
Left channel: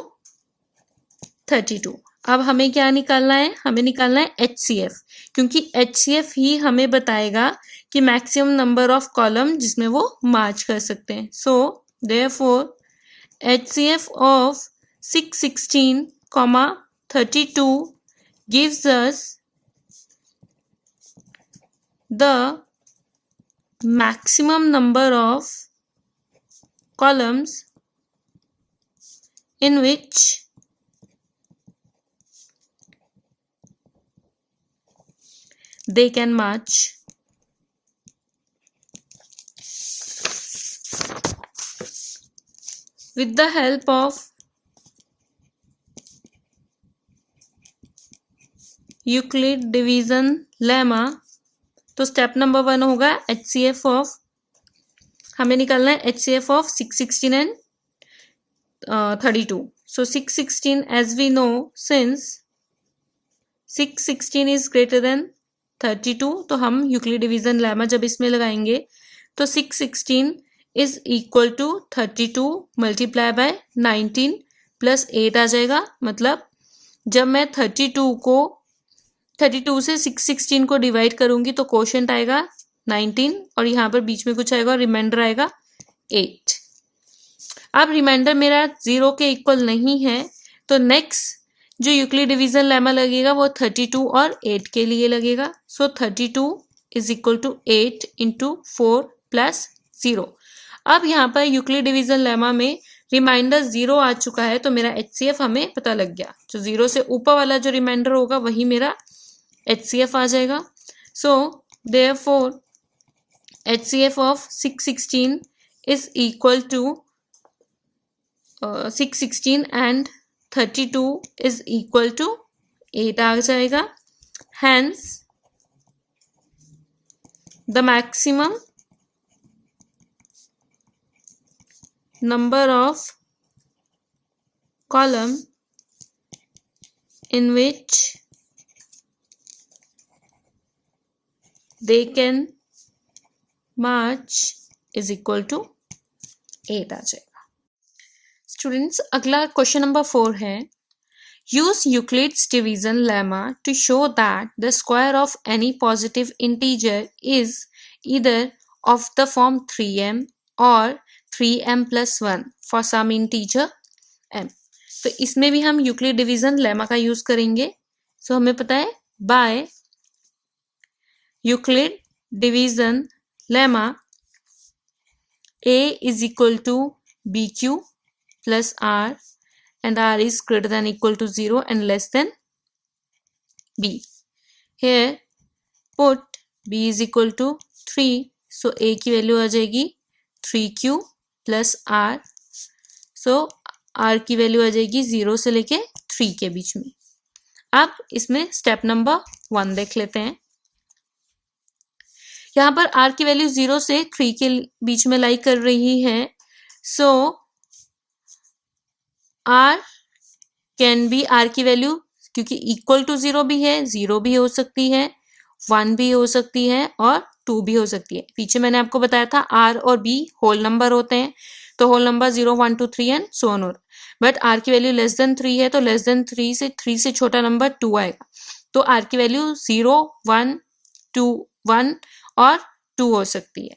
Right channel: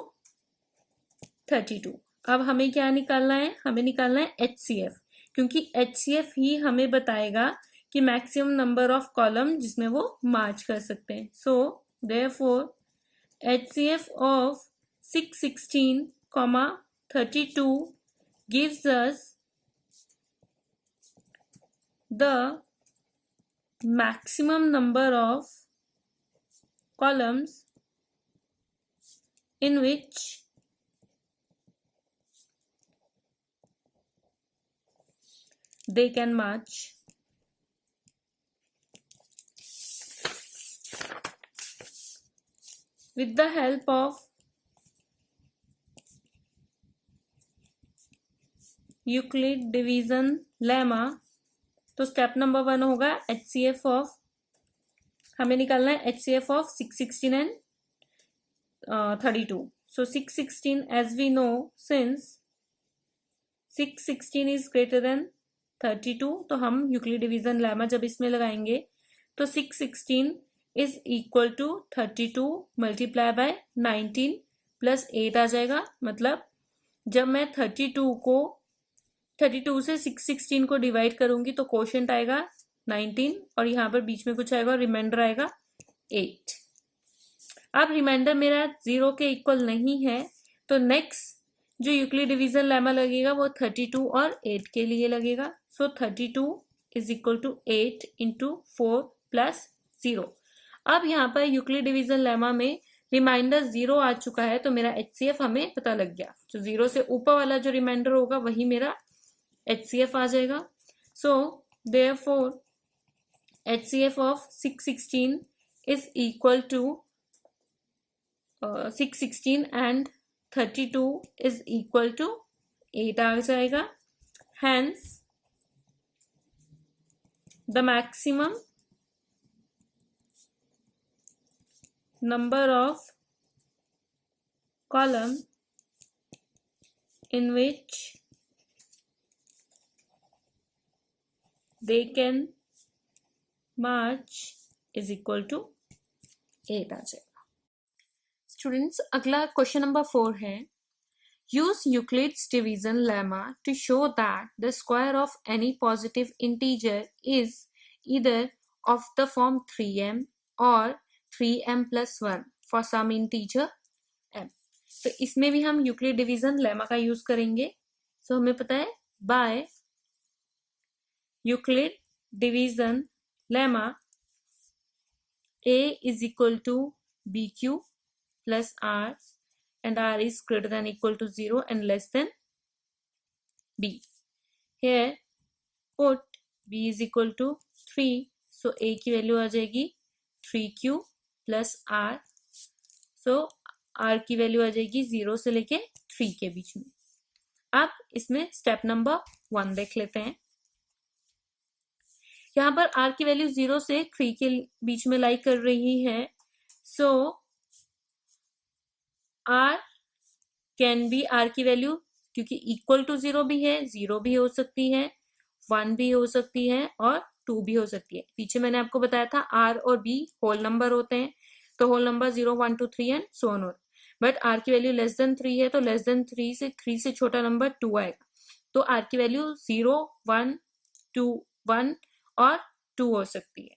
32. अब हमें क्या निकालना है? हमें निकालना है HCF, क्योंकि HCF ही हमें बताएगा कि मैक्सिमम नंबर ऑफ कॉलम जिसमें वो मार्च कर सकते हैं. सो therefore HCF of 616, 32 gives us the maximum number of columns in which they can march. With the help of Euclid division lemma, तो स्टेप नंबर 1 होगा HCF ऑफ, हमें निकालना है HCF of 616 and 32. So 616, as we know, since 616 is greater than 32, तो हम Euclid division lemma जब इसमें लगाएंगे तो 616 is equal to 32 multiply by 19 plus 8 आ जाएगा. मतलब जब मैं 32 से 616 को डिवाइड करूंगी तो कोशेंट आएगा 19 और यहाँ पर बीच में कुछ आएगा और रिमाइंडर आएगा 8. अब रिमाइंडर मेरा 0 के इक्वल नहीं है, तो नेक्स्ट जो यूक्लिड डिवीजन लेमा लगेगा वो 32 और 8 के लिए लगेगा. So 32 is equal to 8 into 4 plus 0. अब यहाँ पर यूक्लिड डिवीजन लेमा में रिमाइंडर 0 आ चुका है, तो मेरा HCF हमें पता लग गया. तो 0 से ऊपर वाला जो रिमाइंडर होगा वही मेरा HCF आ जाएगा. So therefore HCF of 616 is equal to 616 and 32 is equal to 8 आ जाएगा. Hence the maximum number of column in which they can march is equal to 8 आ जाएगा. स्टूडेंट्स, अगला क्वेश्चन नंबर 4 है. use Euclid's division lemma to show that the square of any positive integer is either of the form 3m or 3m plus 1 for some integer m. तो इसमें भी हम Euclid division लेमा का use करेंगे. So हमें पता है by Euclid division lemma a is equal to bq plus r and r is greater than equal to 0 and less than b. Here put b is equal to 3, so a की value आ जाएगी 3q plus r. So r की value आ जाएगी 0 से लेके 3 के बीच में. अब इसमें स्टेप नंबर 1 देख लेते हैं. यहाँ पर आर की वैल्यू 0 से 3 के बीच में लाई कर रही है. सो आर कैन बी, आर की वैल्यू क्योंकि इक्वल टू 0 भी है, 0 भी हो सकती है, 1 भी हो सकती है और 2 भी हो सकती है. पीछे मैंने आपको बताया था आर और बी होल नंबर होते हैं, तो whole number 0, 1, 2, 3 and so on. But r की वैल्यू लेस देन 3 है, तो लेस देन 3 से छोटा नंबर 2 आएगा. तो आर की वैल्यू 0, 1, 2, 1 और 2 हो सकती है.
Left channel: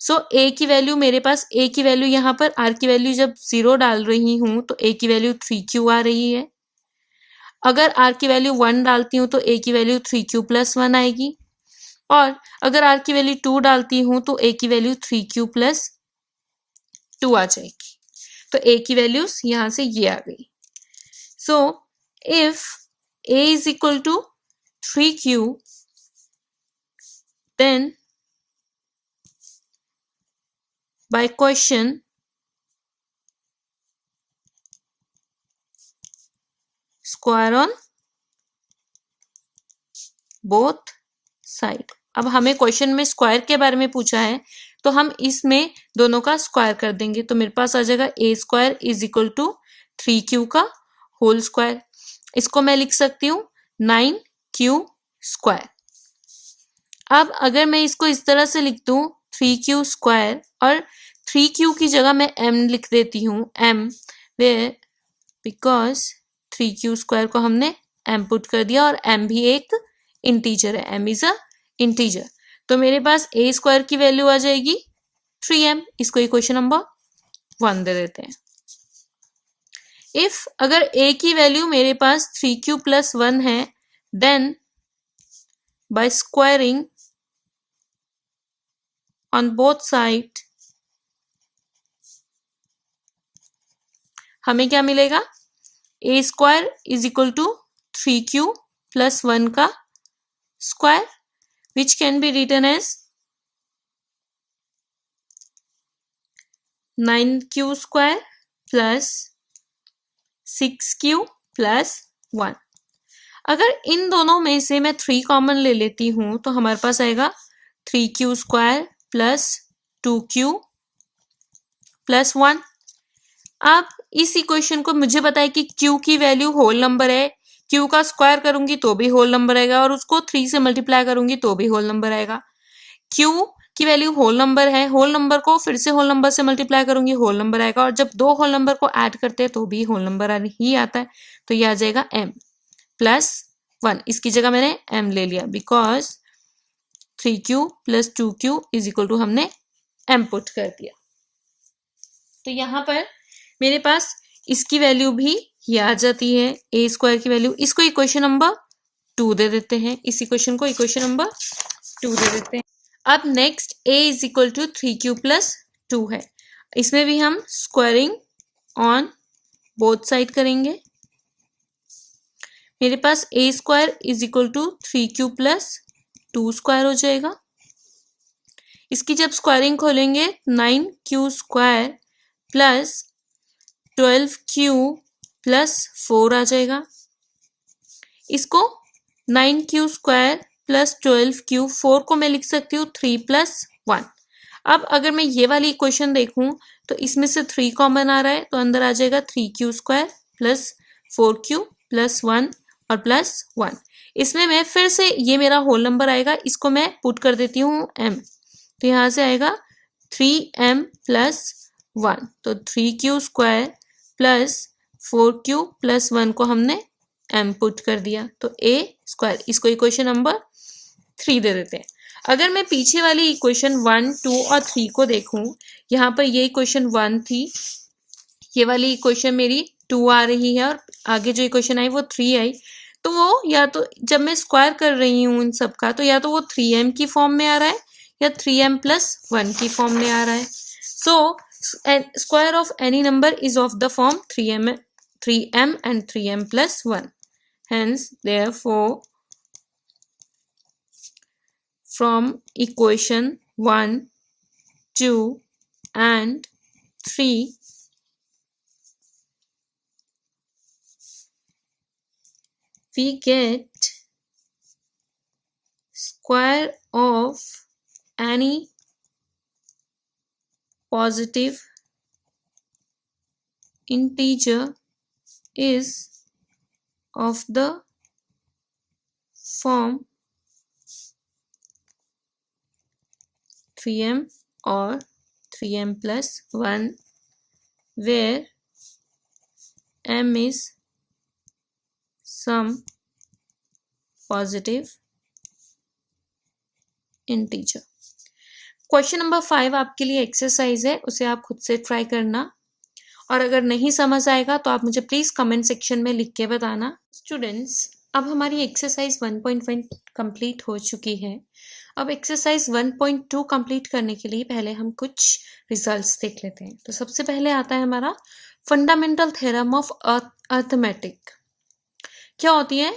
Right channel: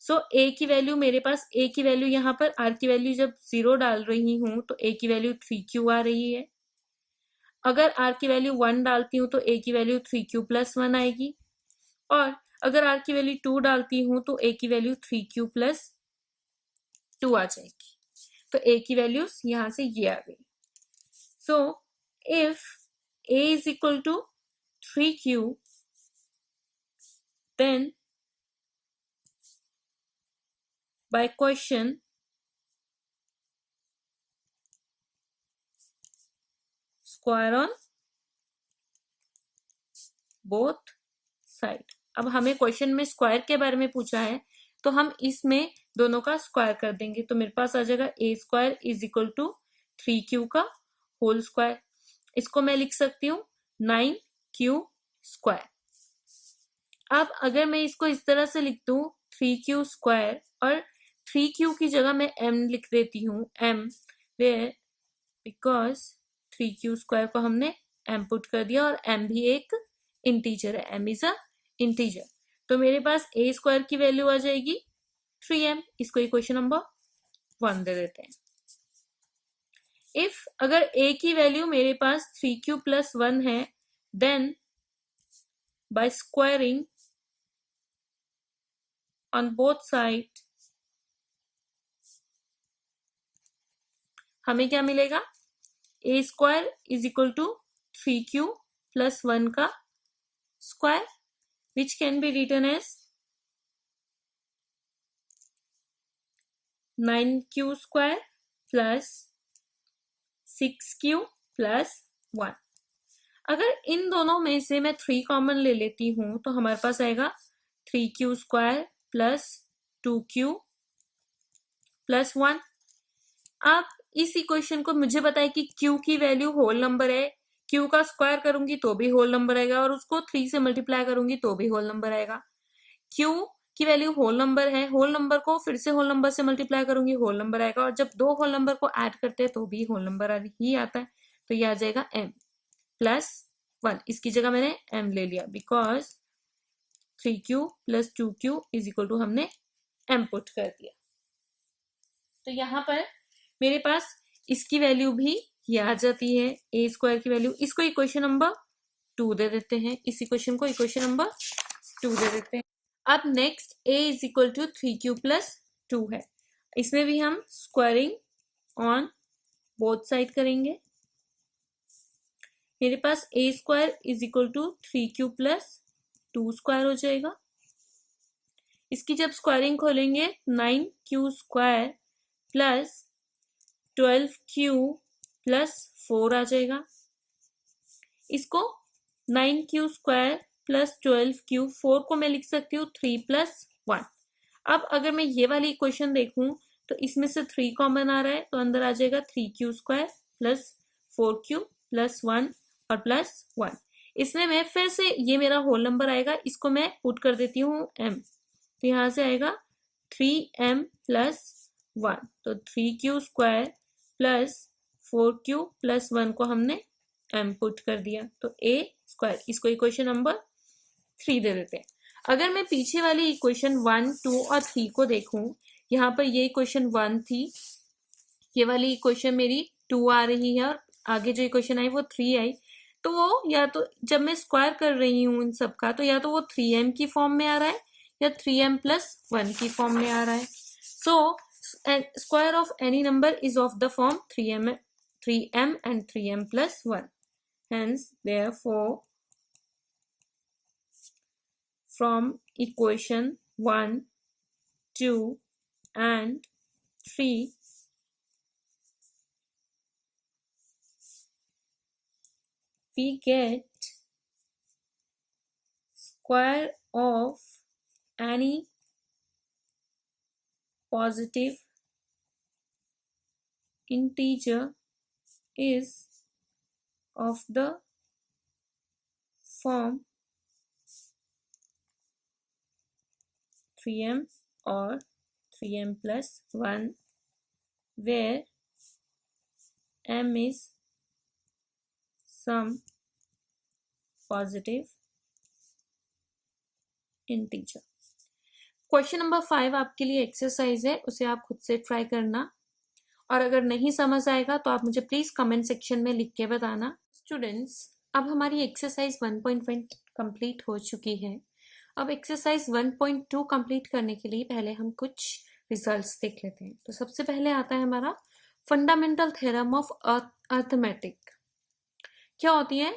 सो ए की वैल्यू मेरे पास, ए की वैल्यू यहाँ पर आर की वैल्यू जब 0 डाल रही हूँ तो ए की वैल्यू 3q आ रही है. अगर आर की वैल्यू 1 डालती हूँ तो ए की वैल्यू 3q प्लस 1 आएगी. और अगर आर की वैल्यू 2 डालती हूं तो ए की वैल्यू 3q प्लस 2 आ जाएगी. तो ए की वैल्यूज यहां से ये आ गई. So if a is equal to 3q, then by question square on both side. अब हमें क्वेश्चन में स्क्वायर के बारे में पूछा है, तो हम इसमें दोनों का स्क्वायर कर देंगे, तो मेरे पास आ जाएगा a square is equal to 3q का होल स्क्वायर। इसको मैं लिख सकती हूँ 9q स्क्वायर। अब अगर मैं इसको इस तरह से लिख दूं 3q स्क्वायर और 3q की जगह मैं m लिख देती हूँ m, way because 3q square को हमने m पुट कर दिया और m भी एक इंटीजर है, m इज अ इंटीजर। तो मेरे पास a स्क्वायर की वैल्यू आ जाएगी 3m। इसको इक्वेशन नंबर 1 दे देते हैं। इफ अगर a की वैल्यू मेरे पास 3q प्लस 1 है, then by squaring on both side हमें क्या मिलेगा, a square is equal to 3q plus 1 का square which can be written as 9q square plus 6q plus 1। अगर इन दोनों में से मैं 3 कॉमन ले लेती हूं तो हमारे पास आएगा 3q square plus 2q plus 1। अब इस इक्वेशन को मुझे पता है कि q की वैल्यू होल नंबर है, q का स्क्वायर करूंगी तो भी होल नंबर आएगा और उसको 3 से मल्टीप्लाई करूंगी तो भी होल नंबर आएगा। q की वैल्यू होल नंबर है, होल नंबर को फिर से होल नंबर से मल्टीप्लाई करूंगी होल नंबर आएगा, और जब दो होल नंबर को ऐड करते हैं तो भी होल नंबर ही आता है। तो यह आ जाएगा m प्लस 1। इसकी जगह मैंने m ले लिया because 3q plus 2q is equal to हमने m पुट कर दिया। तो यहाँ पर मेरे पास इसकी वैल्यू भी ये आ जाती है ए स्क्वायर की वैल्यू। इसको इक्वेशन नंबर 2 दे देते हैं, इस इक्वेशन को इक्वेशन नंबर 2 दे देते हैं। अब next a is equal to 3q plus 2 है, इसमें भी हम स्क्वायरिंग ऑन बोथ साइड करेंगे। मेरे पास a square is equal to 3q plus 2 square हो जाएगा। इसकी जब स्क्वायरिंग खोलेंगे 9q square plus 12q plus 4 आ जाएगा। इसको 9q स्क्वायर प्लस 12q, 4 को मैं लिख सकती हूँ 3 प्लस 1। अब अगर मैं ये वाली इक्वेशन देखूं तो इसमें से 3 कॉमन आ रहा है, तो अंदर आ जाएगा 3q square plus 4q plus 1 और प्लस 1। इसमें मैं फिर से, ये मेरा होल नंबर आएगा, इसको मैं पुट कर देती हूँ m, तो यहाँ से आएगा 3m प्लस 1। तो 3q square plus 4q plus 1 को हमने m पुट कर दिया, तो a स्क्वायर। इसको इक्वेशन नंबर 3 दे देते हैं। अगर मैं पीछे वाली इक्वेशन 1, 2 और 3 को देखूं, यहाँ पर ये इक्वेशन 1 थी, ये वाली इक्वेशन मेरी 2 आ रही है और आगे जो इक्वेशन आई वो 3 आई। तो वो या तो जब मैं स्क्वायर कर रही हूँ इन सब का, तो या तो वो 3m की फॉर्म में आ रहा है या 3m प्लस 1 की फॉर्म में आ रहा है। So square of any number is of the form 3m and 3m plus 1. Hence, therefore, from equation 1, 2 and 3, we get square of any positive integer is of the form 3m or 3m plus 1, where m is some positive integer. Question number 5 आपके लिए exercise है, उसे आप खुद से try करना, और अगर नहीं समझ आएगा तो आप मुझे प्लीज कमेंट सेक्शन में लिख के बताना। स्टूडेंट्स, अब हमारी एक्सरसाइज 1.1 कंप्लीट हो चुकी है। अब एक्सरसाइज 1.2 कंप्लीट करने के लिए पहले हम कुछ रिजल्ट्स देख लेते हैं। तो सबसे पहले आता है हमारा फंडामेंटल थ्योरम ऑफ अर्थमेटिक। क्या होती है?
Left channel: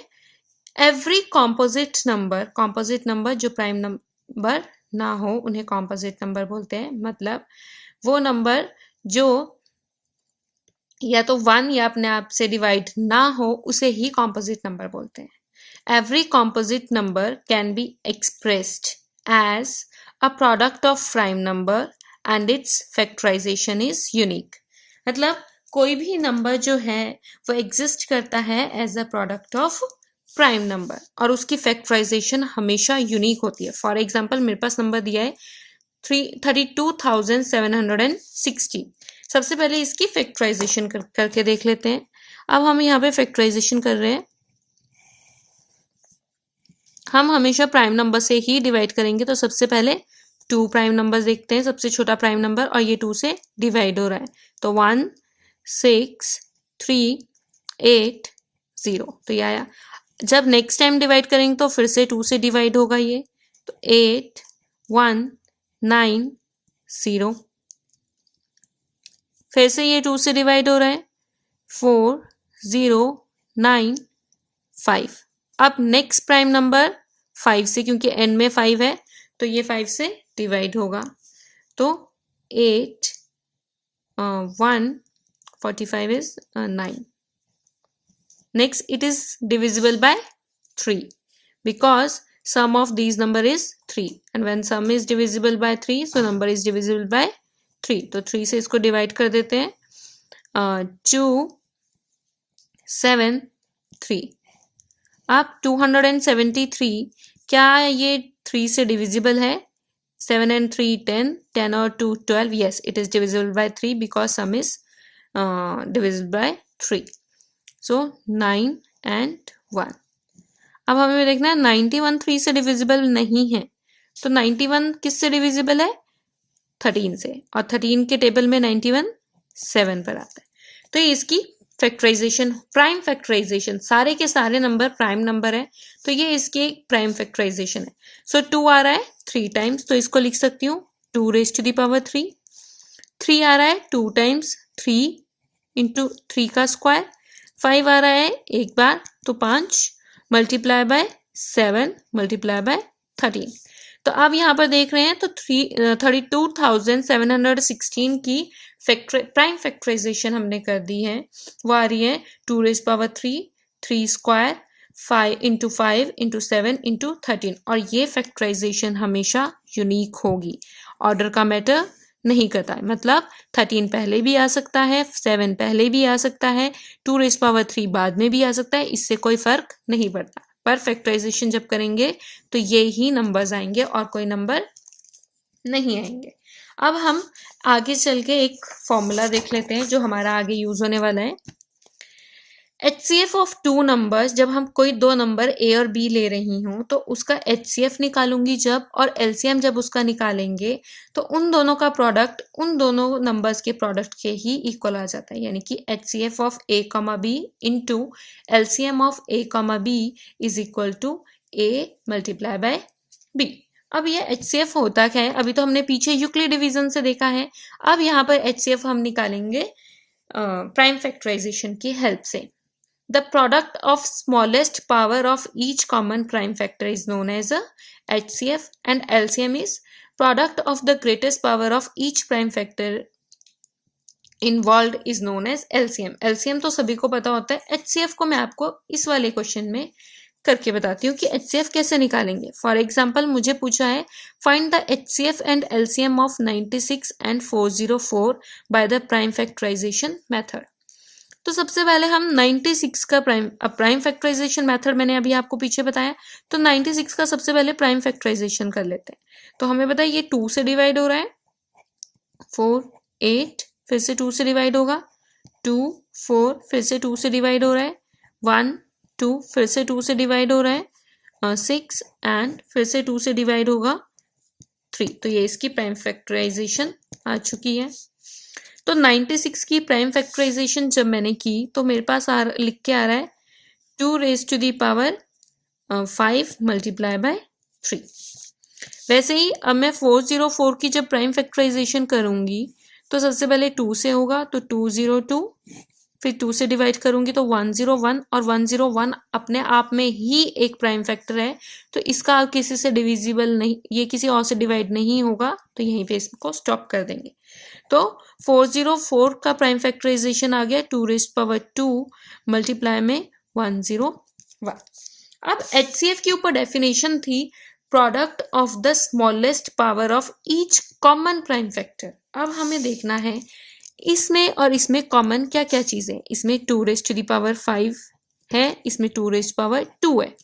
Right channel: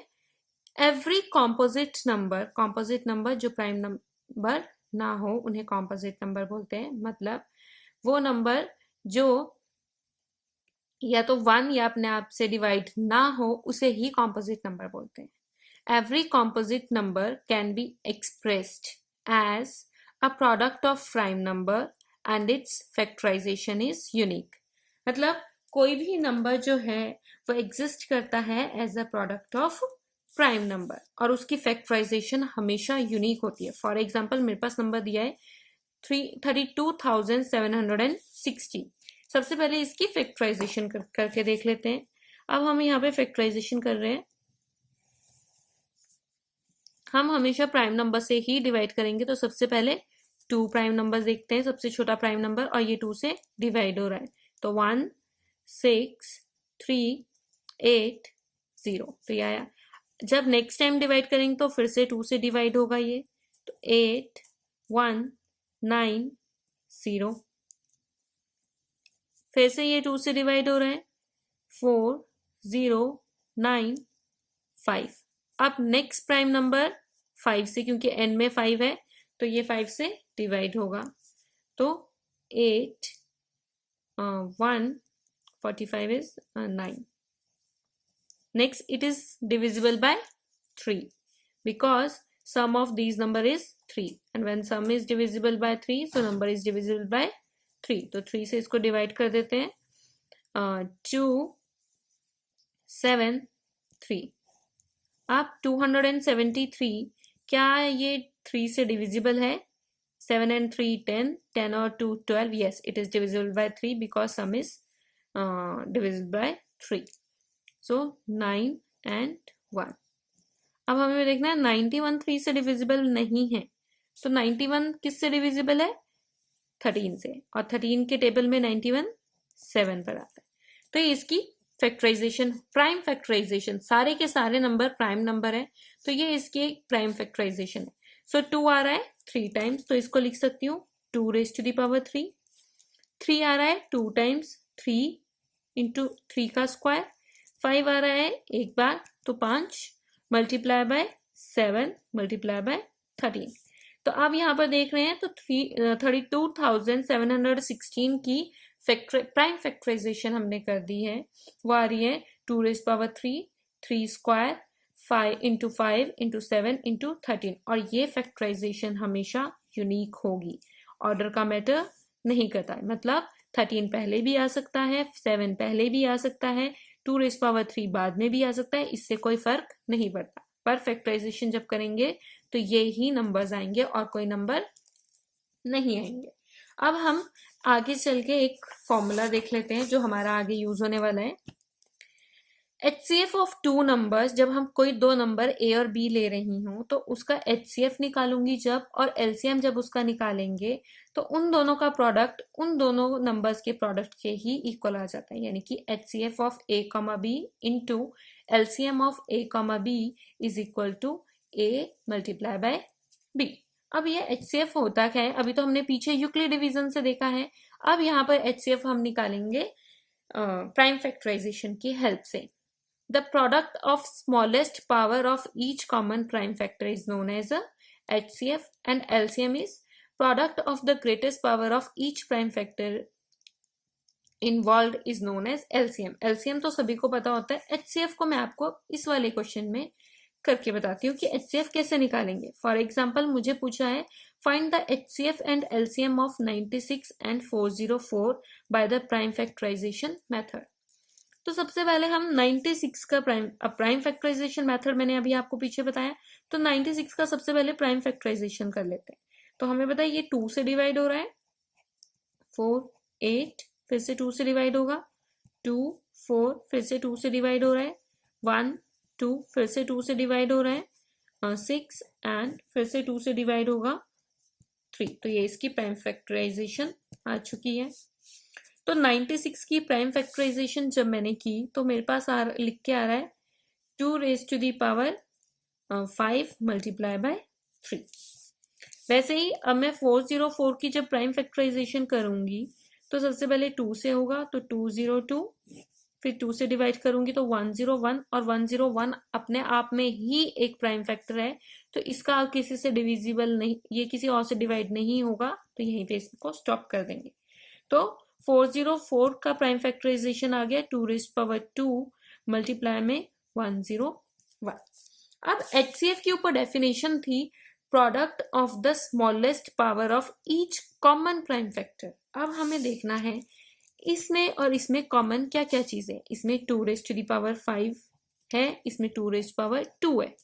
एवरी कॉम्पोजिट नंबर जो प्राइम नंबर ना हो उन्हें कॉम्पोजिट नंबर बोलते हैं। मतलब वो नंबर जो या तो 1 या अपने आप से डिवाइड ना हो उसे ही कॉम्पोजिट नंबर बोलते हैं। Every composite number can be expressed as a product of prime number and its factorization is unique. मतलब कोई भी नंबर जो है वो एग्जिस्ट करता है as a product of prime number और उसकी फैक्टराइजेशन हमेशा यूनिक होती है। फॉर एग्जाम्पल मेरे पास नंबर दिया है 32,760। सबसे पहले इसकी फैक्टराइजेशन करके देख लेते हैं। अब हम यहाँ पे फैक्टराइजेशन कर रहे हैं। हम हमेशा प्राइम नंबर से ही डिवाइड करेंगे, तो सबसे पहले 2 प्राइम नंबर देखते हैं, सबसे छोटा प्राइम नंबर, और ये 2 से डिवाइड हो रहा है, तो 1 6 3 8 0, तो ये आया। जब नेक्स्ट टाइम डिवाइड करेंगे तो फिर से 2 से डिवाइड होगा ये, तो 8 1 9 0, फिर से ये 2 से डिवाइड हो रहा है, 4 0 9 5। अब नेक्स्ट प्राइम नंबर 5 से, क्योंकि एन में 5 है तो ये 5 से डिवाइड होगा, तो 8 1 45 is 9. Next it is divisible by 3 because sum of these number is 3, and when sum is divisible by 3 so number is divisible by 3, तो 3 से इसको डिवाइड कर देते हैं, 2 7 3। अब 273 क्या ये 3 से डिविजिबल है? 7 and 3 10, 10 और 2 12, yes it is divisible by 3 because sum is divisible by 3, so 9 and 1। अब हमें देखना है 91 3 से डिविजिबल नहीं है, तो 91 किस से डिविजिबल है? 13 से, और 13 के टेबल में 91 7 पर आता है, तो ये इसकी फैक्टराइजेशन, प्राइम फैक्टराइजेशन, सारे के सारे नंबर प्राइम नंबर है, तो ये इसकी एक प्राइम फैक्टराइजेशन है। सो 2 आ रहा है 3 टाइम्स, तो इसको लिख सकती हूँ 2 raised to the power 3। 3 आ रहा है 2 टाइम्स, 3 इंटू 3 का स्क्वायर। 5 आ रहा है एक बार, तो 5 मल्टीप्लाई बाय 7 मल्टीप्लाई बाय 13। तो अब यहाँ पर देख रहे हैं तो 32,716 की प्राइम फैक्टराइजेशन हमने कर दी है, वो आ रही है 2 raised power 3, 3 square, 5 into 5 into 7 into 13, और ये फैक्टराइजेशन हमेशा यूनिक होगी, ऑर्डर का मैटर नहीं करता है। मतलब 13 पहले भी आ सकता है, 7 पहले भी आ सकता है, 2 raised power 3 बाद में भी आ सकता है, इससे कोई फर्क नहीं पड़ता, पर फैक्टराइजेशन जब करेंगे तो ये ही नंबर्स आएंगे और कोई नंबर नहीं आएंगे। अब हम आगे चल के एक फॉर्मूला देख लेते हैं जो हमारा आगे यूज होने वाला है। HCF ऑफ 2 नंबर्स, जब हम कोई 2 नंबर A और B ले रही हूँ तो उसका HCF निकालूंगी जब, और LCM जब उसका निकालेंगे तो उन दोनों का प्रोडक्ट उन दोनों नंबर्स के प्रोडक्ट के ही इक्वल आ जाता है, यानी कि HCF of A, B into LCM of A, B is equal to A multiply by B। अब ये HCF होता क्या है? अभी तो हमने पीछे यूक्लिड डिवीजन से देखा है, अब यहाँ पर HCF हम निकालेंगे प्राइम फैक्टराइजेशन की हेल्प से। The product of smallest power of each common prime factor is known as a HCF, and LCM is product of the greatest power of each prime factor involved is known as LCM। LCM तो सभी को पता होता है, HCF को मैं आपको इस वाले क्वेश्चन में करके बताती हूँ कि HCF कैसे निकालेंगे। फॉर एग्जाम्पल मुझे पूछा है find the HCF and LCM of 96 and 404 by the prime factorization method. तो सबसे पहले हम 96 का प्राइम फैक्टराइजेशन मेथड मैंने अभी आपको पीछे बताया, तो 96 का सबसे पहले प्राइम फैक्टराइजेशन कर लेते हैं। तो हमें पता है ये 2 से डिवाइड हो रहा है, 4 8, फिर से 2 से डिवाइड होगा, 2 4, फिर से 2 से डिवाइड हो रहा है, 1 2, फिर से 2 से डिवाइड हो रहा है, 6 एंड फिर से 2 से डिवाइड होगा 3। तो ये इसकी प्राइम फैक्टराइजेशन आ चुकी है। तो 96 की प्राइम फैक्टराइजेशन जब मैंने की तो मेरे पास लिख के आ रहा है 2 raised to the power 5 multiply by 3। वैसे ही अब मैं 404 की जब प्राइम फैक्टराइजेशन करूंगी तो सबसे पहले 2 से होगा, तो 202, फिर 2 से डिवाइड करूंगी तो 101, और 101 अपने आप में ही एक प्राइम फैक्टर है, तो इसका किसी से डिविजिबल नहीं, ये किसी और से डिवाइड नहीं होगा, तो यहीं पे इसको स्टॉप कर देंगे। तो 404 का प्राइम फैक्टराइजेशन आ गया 2⁻² मल्टीप्लाई में 101। अब HCF के ऊपर डेफिनेशन थी product of the smallest power of each common prime factor. अब हमें देखना है इसमें और इसमें कॉमन क्या क्या चीजें, इसमें 2⁵5 है, इसमें 2⁻² है,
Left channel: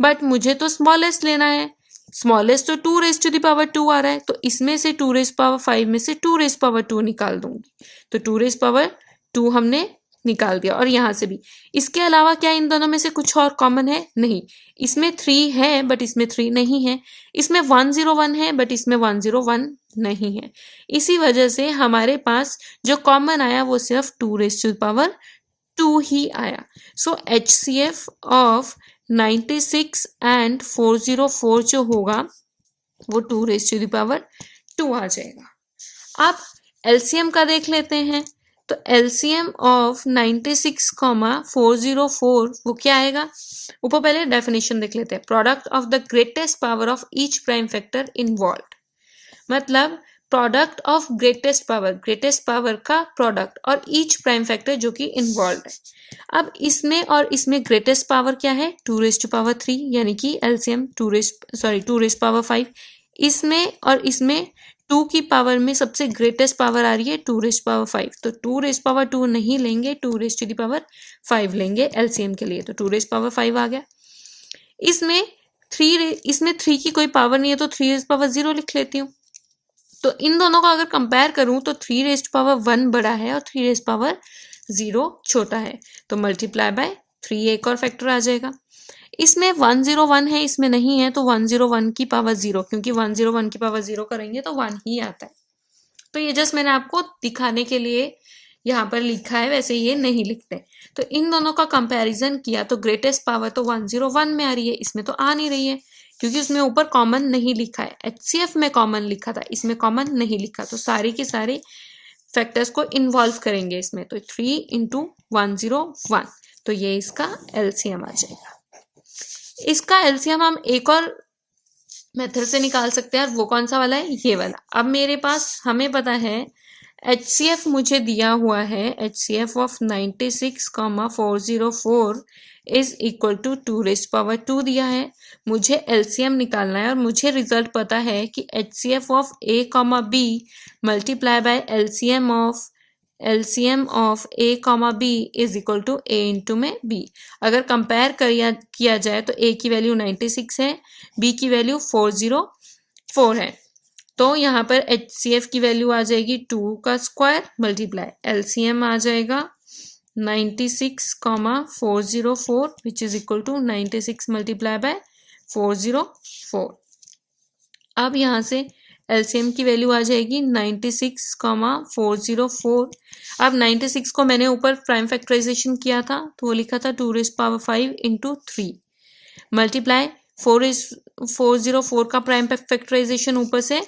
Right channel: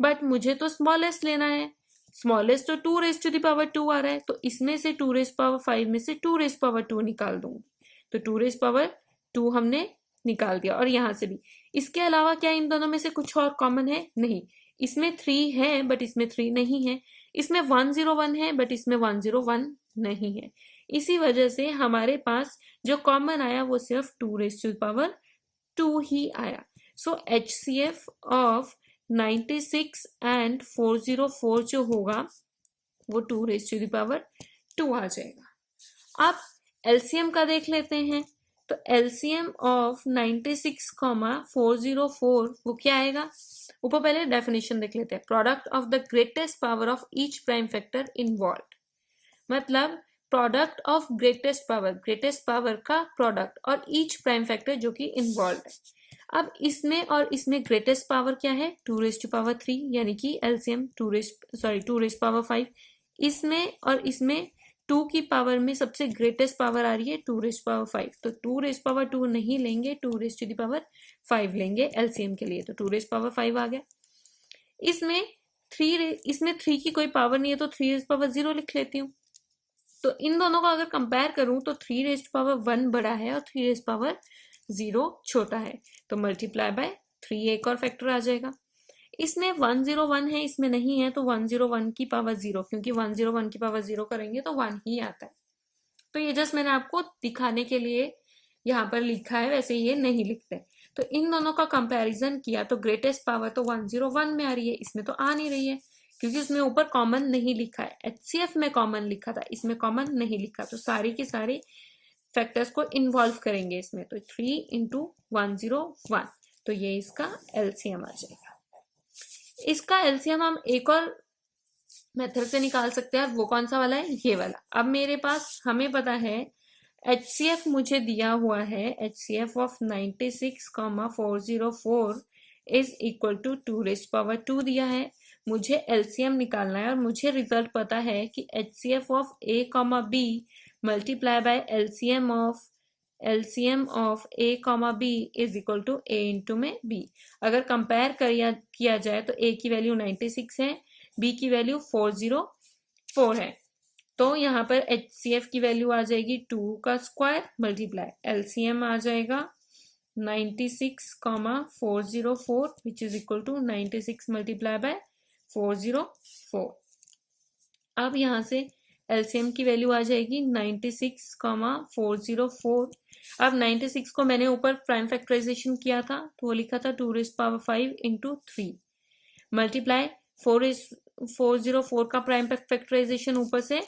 बट मुझे तो स्मॉलेस्ट लेना है। स्मॉलेस्ट तो 2⁻² आ रहा है, तो इसमें से 2⁻5 में से 2⁻² निकाल दूंगी, तो 2⁻² हमने निकाल दिया। और यहाँ से भी इसके अलावा क्या इन दोनों में से कुछ और कॉमन है? नहीं। इसमें 3 है बट इसमें 3 नहीं है, इसमें 101 है बट इसमें 101 नहीं है। इसी वजह से हमारे पास जो कॉमन आया वो सिर्फ 2⁻² ही आया। सो HCF ऑफ 96 एंड 404 जो होगा वो 2⁻² आ जाएगा। अब LCM का देख लेते हैं, तो LCM ऑफ 96, 404 वो क्या आएगा? ऊपर पहले डेफिनेशन देख लेते हैं। Product of the greatest power of each prime factor involved, मतलब प्रोडक्ट ऑफ ग्रेटेस्ट पावर का प्रोडक्ट और ईच प्राइम फैक्टर जो कि इन्वॉल्व है। अब इसमें और इसमें ग्रेटेस्ट पावर क्या है? 2⁻3 यानी कि LCM 2⁻5। इसमें और इसमें 2 की पावर में सबसे ग्रेटेस्ट पावर आ रही है 2⁻5, तो 2⁻2 नहीं लेंगे, 2⁻5 लेंगे LCM के लिए, तो 2⁻5 आ गया। इसमें 3 की कोई पावर नहीं है तो 3⁻0 लिख लेती हूँ। तो इन दोनों को अगर कंपेयर करूं तो 3⁻1 बड़ा है और 3⁻0 छोटा है, तो मल्टीप्लाई बाय 3 एक और फैक्टर आ जाएगा। इसमें 101 है, इसमें नहीं है, तो 101 की पावर 0, क्योंकि 101 की पावर 0 करेंगे तो 1 ही आता है। तो ये जस्ट मैंने आपको दिखाने के लिए यहाँ पर लिखा है, वैसे ये नहीं लिखते। तो इन दोनों का कंपैरिजन किया तो ग्रेटेस्ट पावर तो 101 में आ रही है, इसमें तो आ नहीं रही है क्योंकि उसमें ऊपर कॉमन नहीं लिखा है। HCF में कॉमन लिखा था, इसमें कॉमन नहीं लिखा, तो सारे के सारे फैक्टर्स को इन्वॉल्व करेंगे इसमें, तो 3 × 101, तो ये इसका LCM आ जाएगा। इसका LCM हम एक और मेथड से निकाल सकते हैं, और वो कौन सा वाला है? ये वाला। अब मेरे पास हमें पता है HCF मुझे दिया हुआ है, HCF of 96, 404 is equal to 2⁻2 दिया है। मुझे LCM निकालना है और मुझे रिजल्ट पता है कि HCF of A, B multiply by LCM of A, B is equal to A into में B। अगर कंपेयर किया जाए तो A की वैल्यू 96 है, B की वैल्यू 404 है, तो यहाँ पर HCF की वैल्यू आ जाएगी 2 का स्क्वायर मल्टीप्लाई LCM आ जाएगा 96, 404 which is equal to 96 multiply by 404। अब यहाँ से LCM की वैल्यू आ जाएगी 96, 404। अब 96 को मैंने ऊपर प्राइम फैक्टराइजेशन किया था तो वो लिखा था 2⁻5 × 3 मल्टीप्लाई 404 का प्राइम फैक्टराइजेशन ऊपर से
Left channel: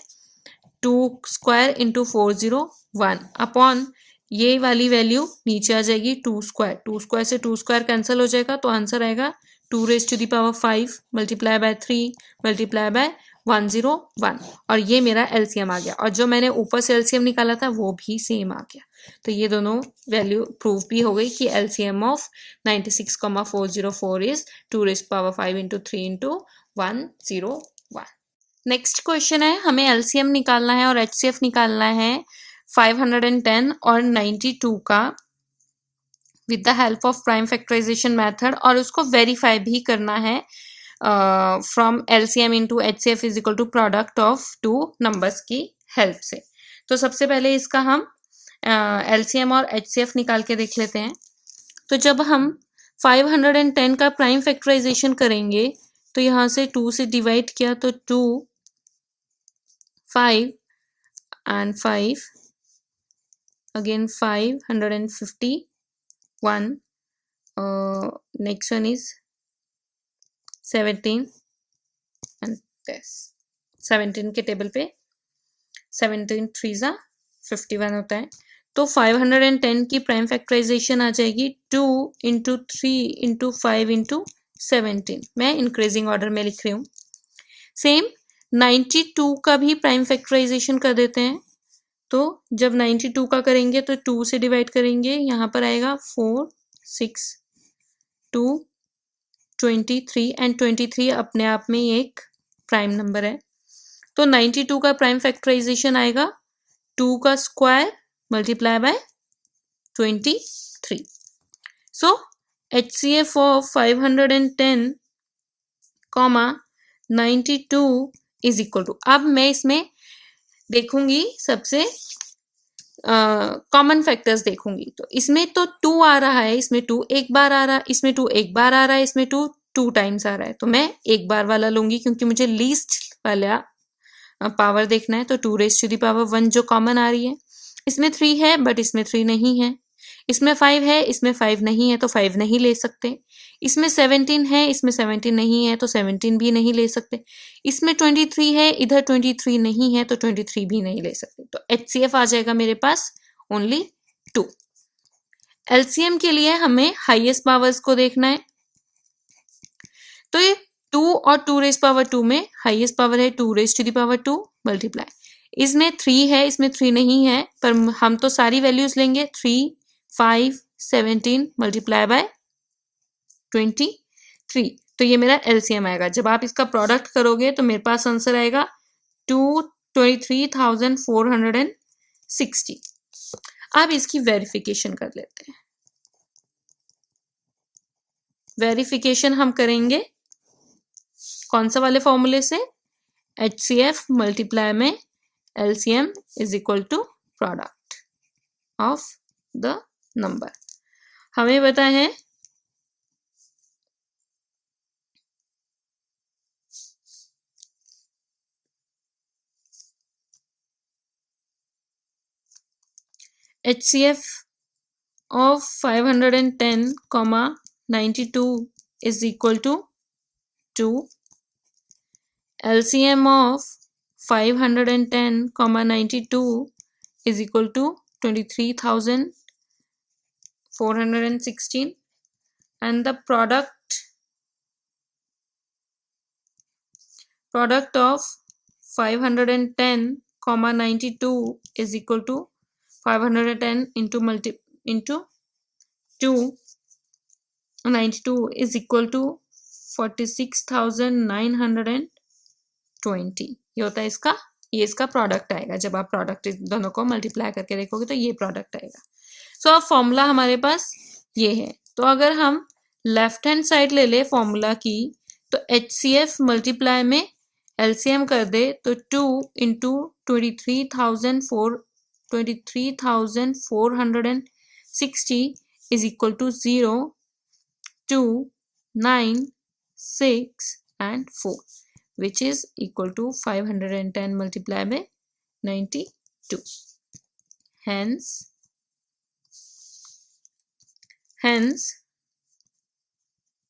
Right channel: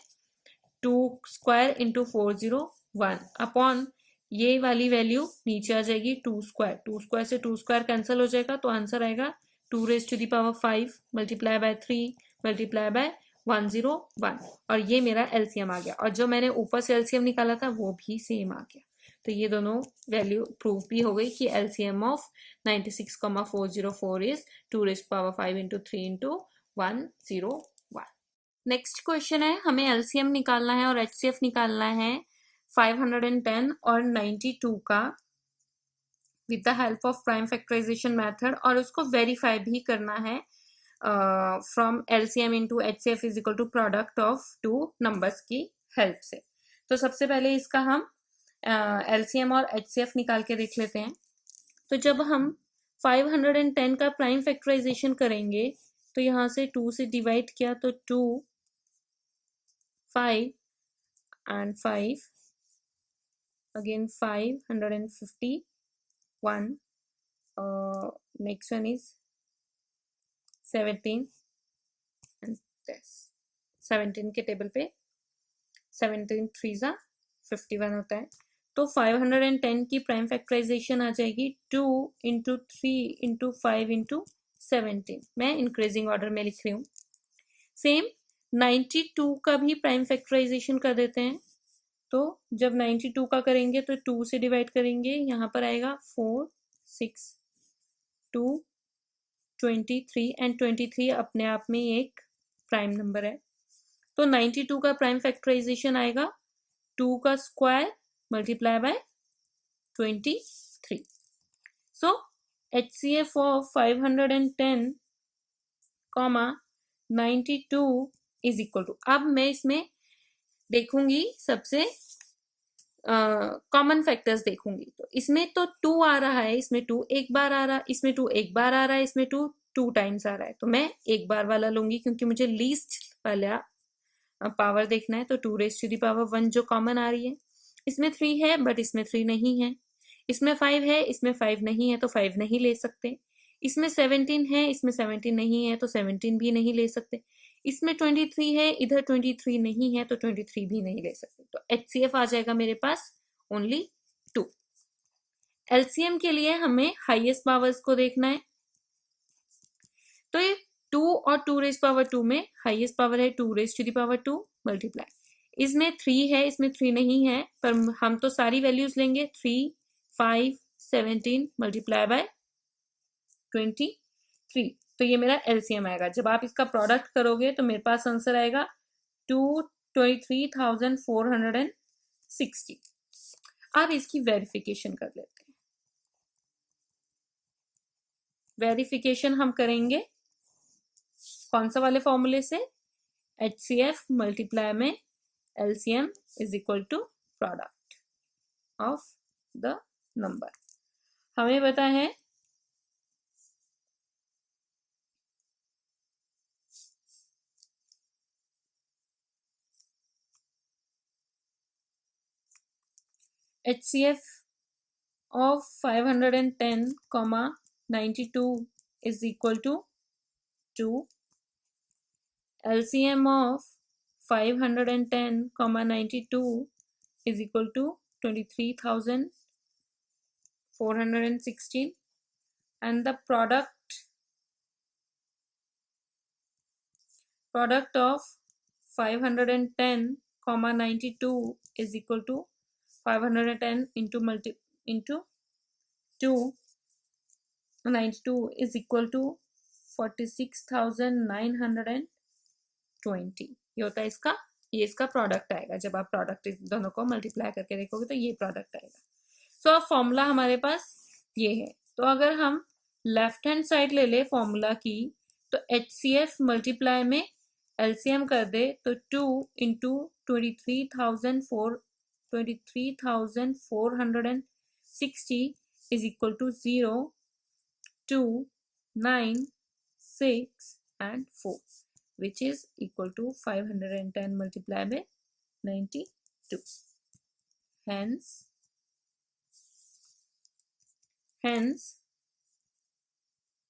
2 स्क्वायर × 401 अपॉन ये वाली वैल्यू नीचे आ जाएगी 2 स्क्वायर। 2 स्क्वायर से 2 स्क्वायर कैंसिल हो जाएगा, तो आंसर आएगा 2⁻5 मल्टीप्लाई बाय 3 मल्टीप्लाई बाय 101, और ये मेरा LCM आ गया। और जो मैंने ऊपर से LCM निकाला था वो भी सेम आ गया। तो ये दोनों वैल्यू प्रूव भी हो गई कि LCM of 96, 404 is 2⁻5 × 3 × 101। Next question है, हमें LCM निकालना है और HCF निकालना है 510 और 92 का with the help of prime factorization method, और उसको वेरीफाई भी करना है from LCM into HCF is equal to product of 2 numbers की हेल्प से। तो सबसे पहले इसका हम LCM और HCF निकाल के देख लेते हैं। तो जब हम 510 का प्राइम फैक्टराइजेशन करेंगे तो यहाँ से 2 से डिवाइड किया तो 2, 5 and 5 again 551, next one is 17 and this 17 के टेबल पे 17 3 51 होता है। तो 510 की प्राइम फैक्टराइजेशन आ जाएगी 2 × 3 × 5 × 17, मैं इंक्रीजिंग ऑर्डर में लिख रही हूँ। सेम 92 का भी प्राइम फैक्टराइजेशन कर देते हैं, तो जब 92 का करेंगे तो 2 से डिवाइड करेंगे, यहाँ पर आएगा 4 6 2 23 एंड 23 अपने आप में एक प्राइम नंबर है। तो 92 का प्राइम फैक्टराइजेशन आएगा 2 का square multiply by 23। So HCF of 510 92 is equal to, अब मैं इसमें देखूंगी सबसे कॉमन फैक्टर्स देखूंगी। तो इसमें तो 2 आ रहा है, इसमें 2 एक बार आ रहा है, इसमें 2 एक बार आ रहा है, इसमें 2 2 टाइम्स आ रहा है। तो मैं एक बार वाला लूंगी क्योंकि मुझे लीस्ट वाला पावर देखना है। तो 2 रेज़ टू द पावर 1 जो कॉमन आ रही है, इसमें 3 है बट इसमें 3 नहीं है, इसमें 5 है, इसमें 5 नहीं है तो 5 नहीं ले सकते, इसमें 17 है, इसमें 17 नहीं है तो 17 भी नहीं ले सकते, इसमें 23 है, इधर 23 नहीं है तो 23 भी नहीं ले सकते। तो HCF आ जाएगा मेरे पास ओनली 2। LCM के लिए हमें हाईएस्ट पावर्स को देखना है। तो ये 2 और 2 रेज़ पावर 2 में हाईएस्ट पावर है 2 raise to the power 2 multiply, इसमें 3 है, इसमें 3 नहीं है, पर हम तो सारी वैल्यूज लेंगे, 3 5 17 मल्टीप्लाई बाय 23। तो ये मेरा LCM आएगा। जब आप इसका प्रोडक्ट करोगे तो मेरे पास आंसर आएगा 23,460। अब इसकी वेरिफिकेशन कर लेते हैं। वेरिफिकेशन हम करेंगे कौन सा वाले फॉर्मूले से, HCF मल्टीप्लाई में LCM is equal to product of the number. हमें पता है HCF of 510, 92 is equal to 2. LCM of 510, 92 is equal to 23,416, and the product of 510, 92 is equal to 510 into 2, 92 is equal to 46,920। ये होता है इसका, ये इसका प्रोडक्ट आएगा। जब आप प्रोडक्ट दोनों को मल्टीप्लाई करके देखोगे तो ये प्रोडक्ट आएगा। सो अब फॉर्मूला हमारे पास ये है। तो अगर हम लेफ्ट हैंड साइड ले ले फॉर्मूला की, तो HCF मल्टीप्लाई में LCM कर दे तो 2 into 23,460 is equal to 0, 2, 9, 6 and 4, which is equal to 510 multiplied by 92. Hence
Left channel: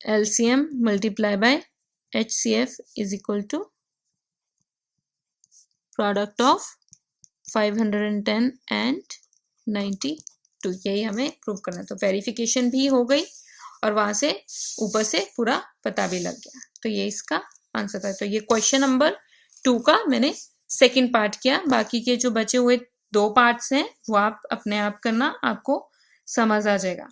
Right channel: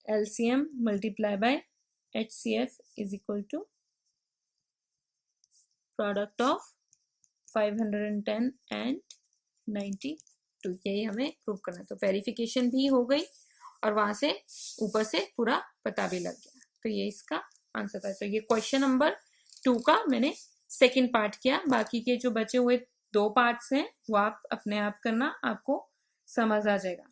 LCM multiplied by HCF is equal to product of 510 and 92। यही हमें प्रूव करना है। तो वेरिफिकेशन भी हो गई और वहां से ऊपर से पूरा पता भी लग गया। तो ये इसका आंसर था। तो ये क्वेश्चन नंबर 2 का मैंने सेकंड पार्ट किया। बाकी के जो बचे हुए 2 पार्ट्स हैं वो आप अपने आप करना, आपको समझ आ जाएगा।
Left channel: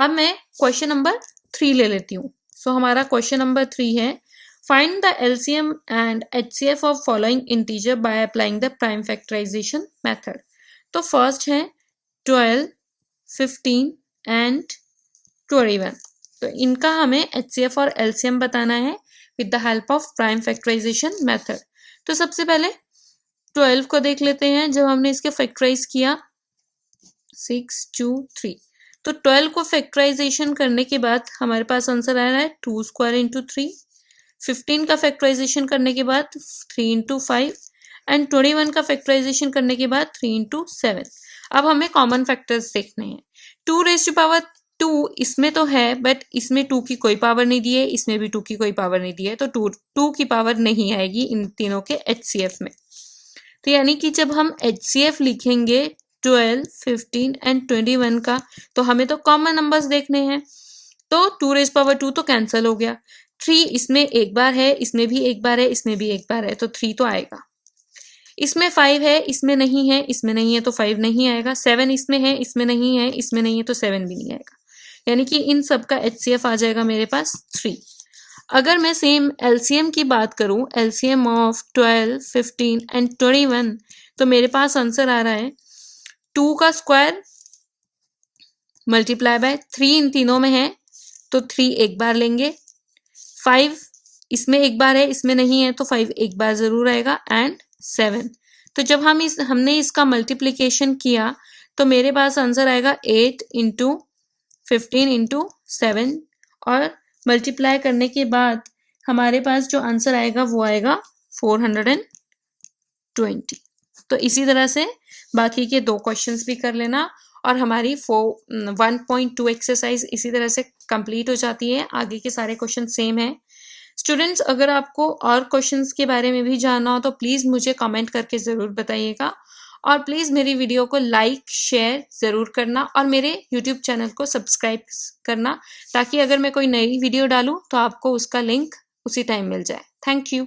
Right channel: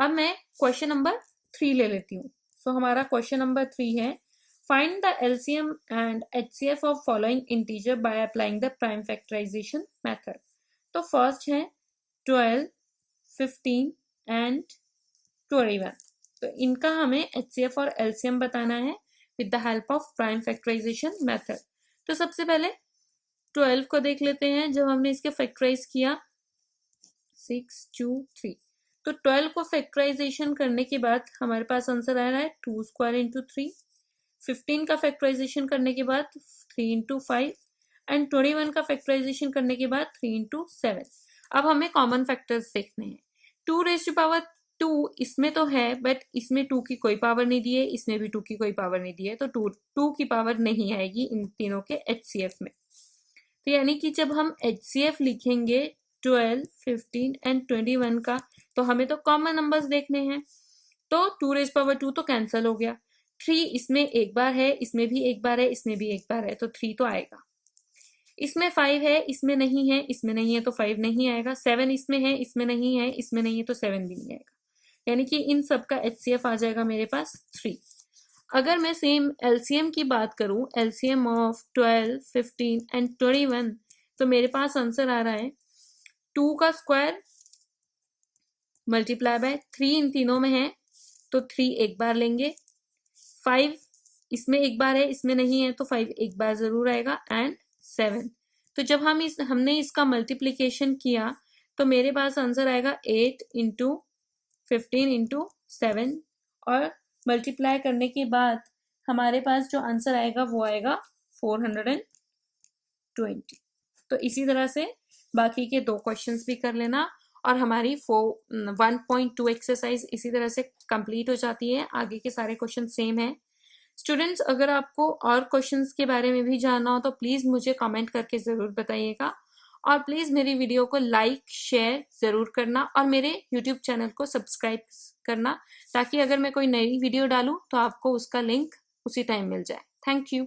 अब मैं क्वेश्चन नंबर 3 ले लेती हूँ। सो हमारा क्वेश्चन नंबर 3 है, find the LCM and HCF of following integer by applying the prime factorization method। तो फर्स्ट है 12, 15 and 21। तो इनका हमें HCF और LCM बताना है with the help of prime factorization method। तो सबसे पहले 12 को देख लेते हैं। जब हमने इसके फैक्टराइज किया 6 2 3, तो 12 को फैक्टराइजेशन करने के बाद हमारे पास आंसर आ रहा है 2 स्क्वायर इंटू 3। 15 का फैक्टराइजेशन करने के बाद 3 इंटू 5 एंड 21 का फैक्टराइजेशन करने के बाद 3 इंटू 7। अब हमें कॉमन फैक्टर्स देखने हैं। 2 रेज़ टू पावर 2 इसमें तो है बट इसमें 2 की कोई पावर नहीं दी है, इसमें भी 2 की कोई पावर नहीं दी है, तो 2 की पावर नहीं आएगी इन तीनों के HCF में। तो यानी कि जब हम HCF लिखेंगे 12, 15 एंड 21 का, तो हमें तो कॉमन नंबर्स देखने हैं। तो 2 रेज़ पावर 2 तो कैंसिल हो गया, 3 इसमें एक बार है, इसमें भी एक बार है, इसमें भी एक बार है, तो 3 तो आएगा। इसमें 5 है, इसमें नहीं है, इसमें नहीं है तो 5 नहीं आएगा। 7 इसमें है, इसमें नहीं है, इसमें नहीं है तो 7 भी नहीं आएगा। यानी कि इन सब का HCF आ जाएगा मेरे पास 3। अगर मैं सेम LCM की बात करूं, LCM ऑफ 12, 15 एंड 21, तो मेरे पास आंसर आ रहा है 2 का स्क्वायर मल्टीप्लाई बाय 3 इन तीनों में है तो 3 एक बार लेंगे, 5 इसमें एक बार है, इसमें नहीं है तो 5 एक बार जरूर आएगा, एंड 7। तो जब हमने इसका मल्टीप्लिकेशन किया तो मेरे पास आंसर आएगा 8 इंटू 15 इंटू 7, और मल्टीप्लाई करने के बाद हमारे पास जो आंसर आएगा वो आएगा 420। तो इसी तरह से बाकी के 2 क्वेश्चंस भी कर लेना, और हमारी 1.2 एक्सरसाइज इसी तरह से कंप्लीट हो जाती है। आगे के सारे क्वेश्चन सेम है। स्टूडेंट्स, अगर आपको और क्वेश्चंस के बारे में भी जानना हो तो प्लीज़ मुझे कमेंट करके ज़रूर बताइएगा, और प्लीज़ मेरी वीडियो को लाइक शेयर ज़रूर करना, और मेरे यूट्यूब चैनल को सब्सक्राइब करना, ताकि अगर मैं कोई नई वीडियो डालूँ तो आपको उसका लिंक उसी टाइम मिल जाए। Thank you.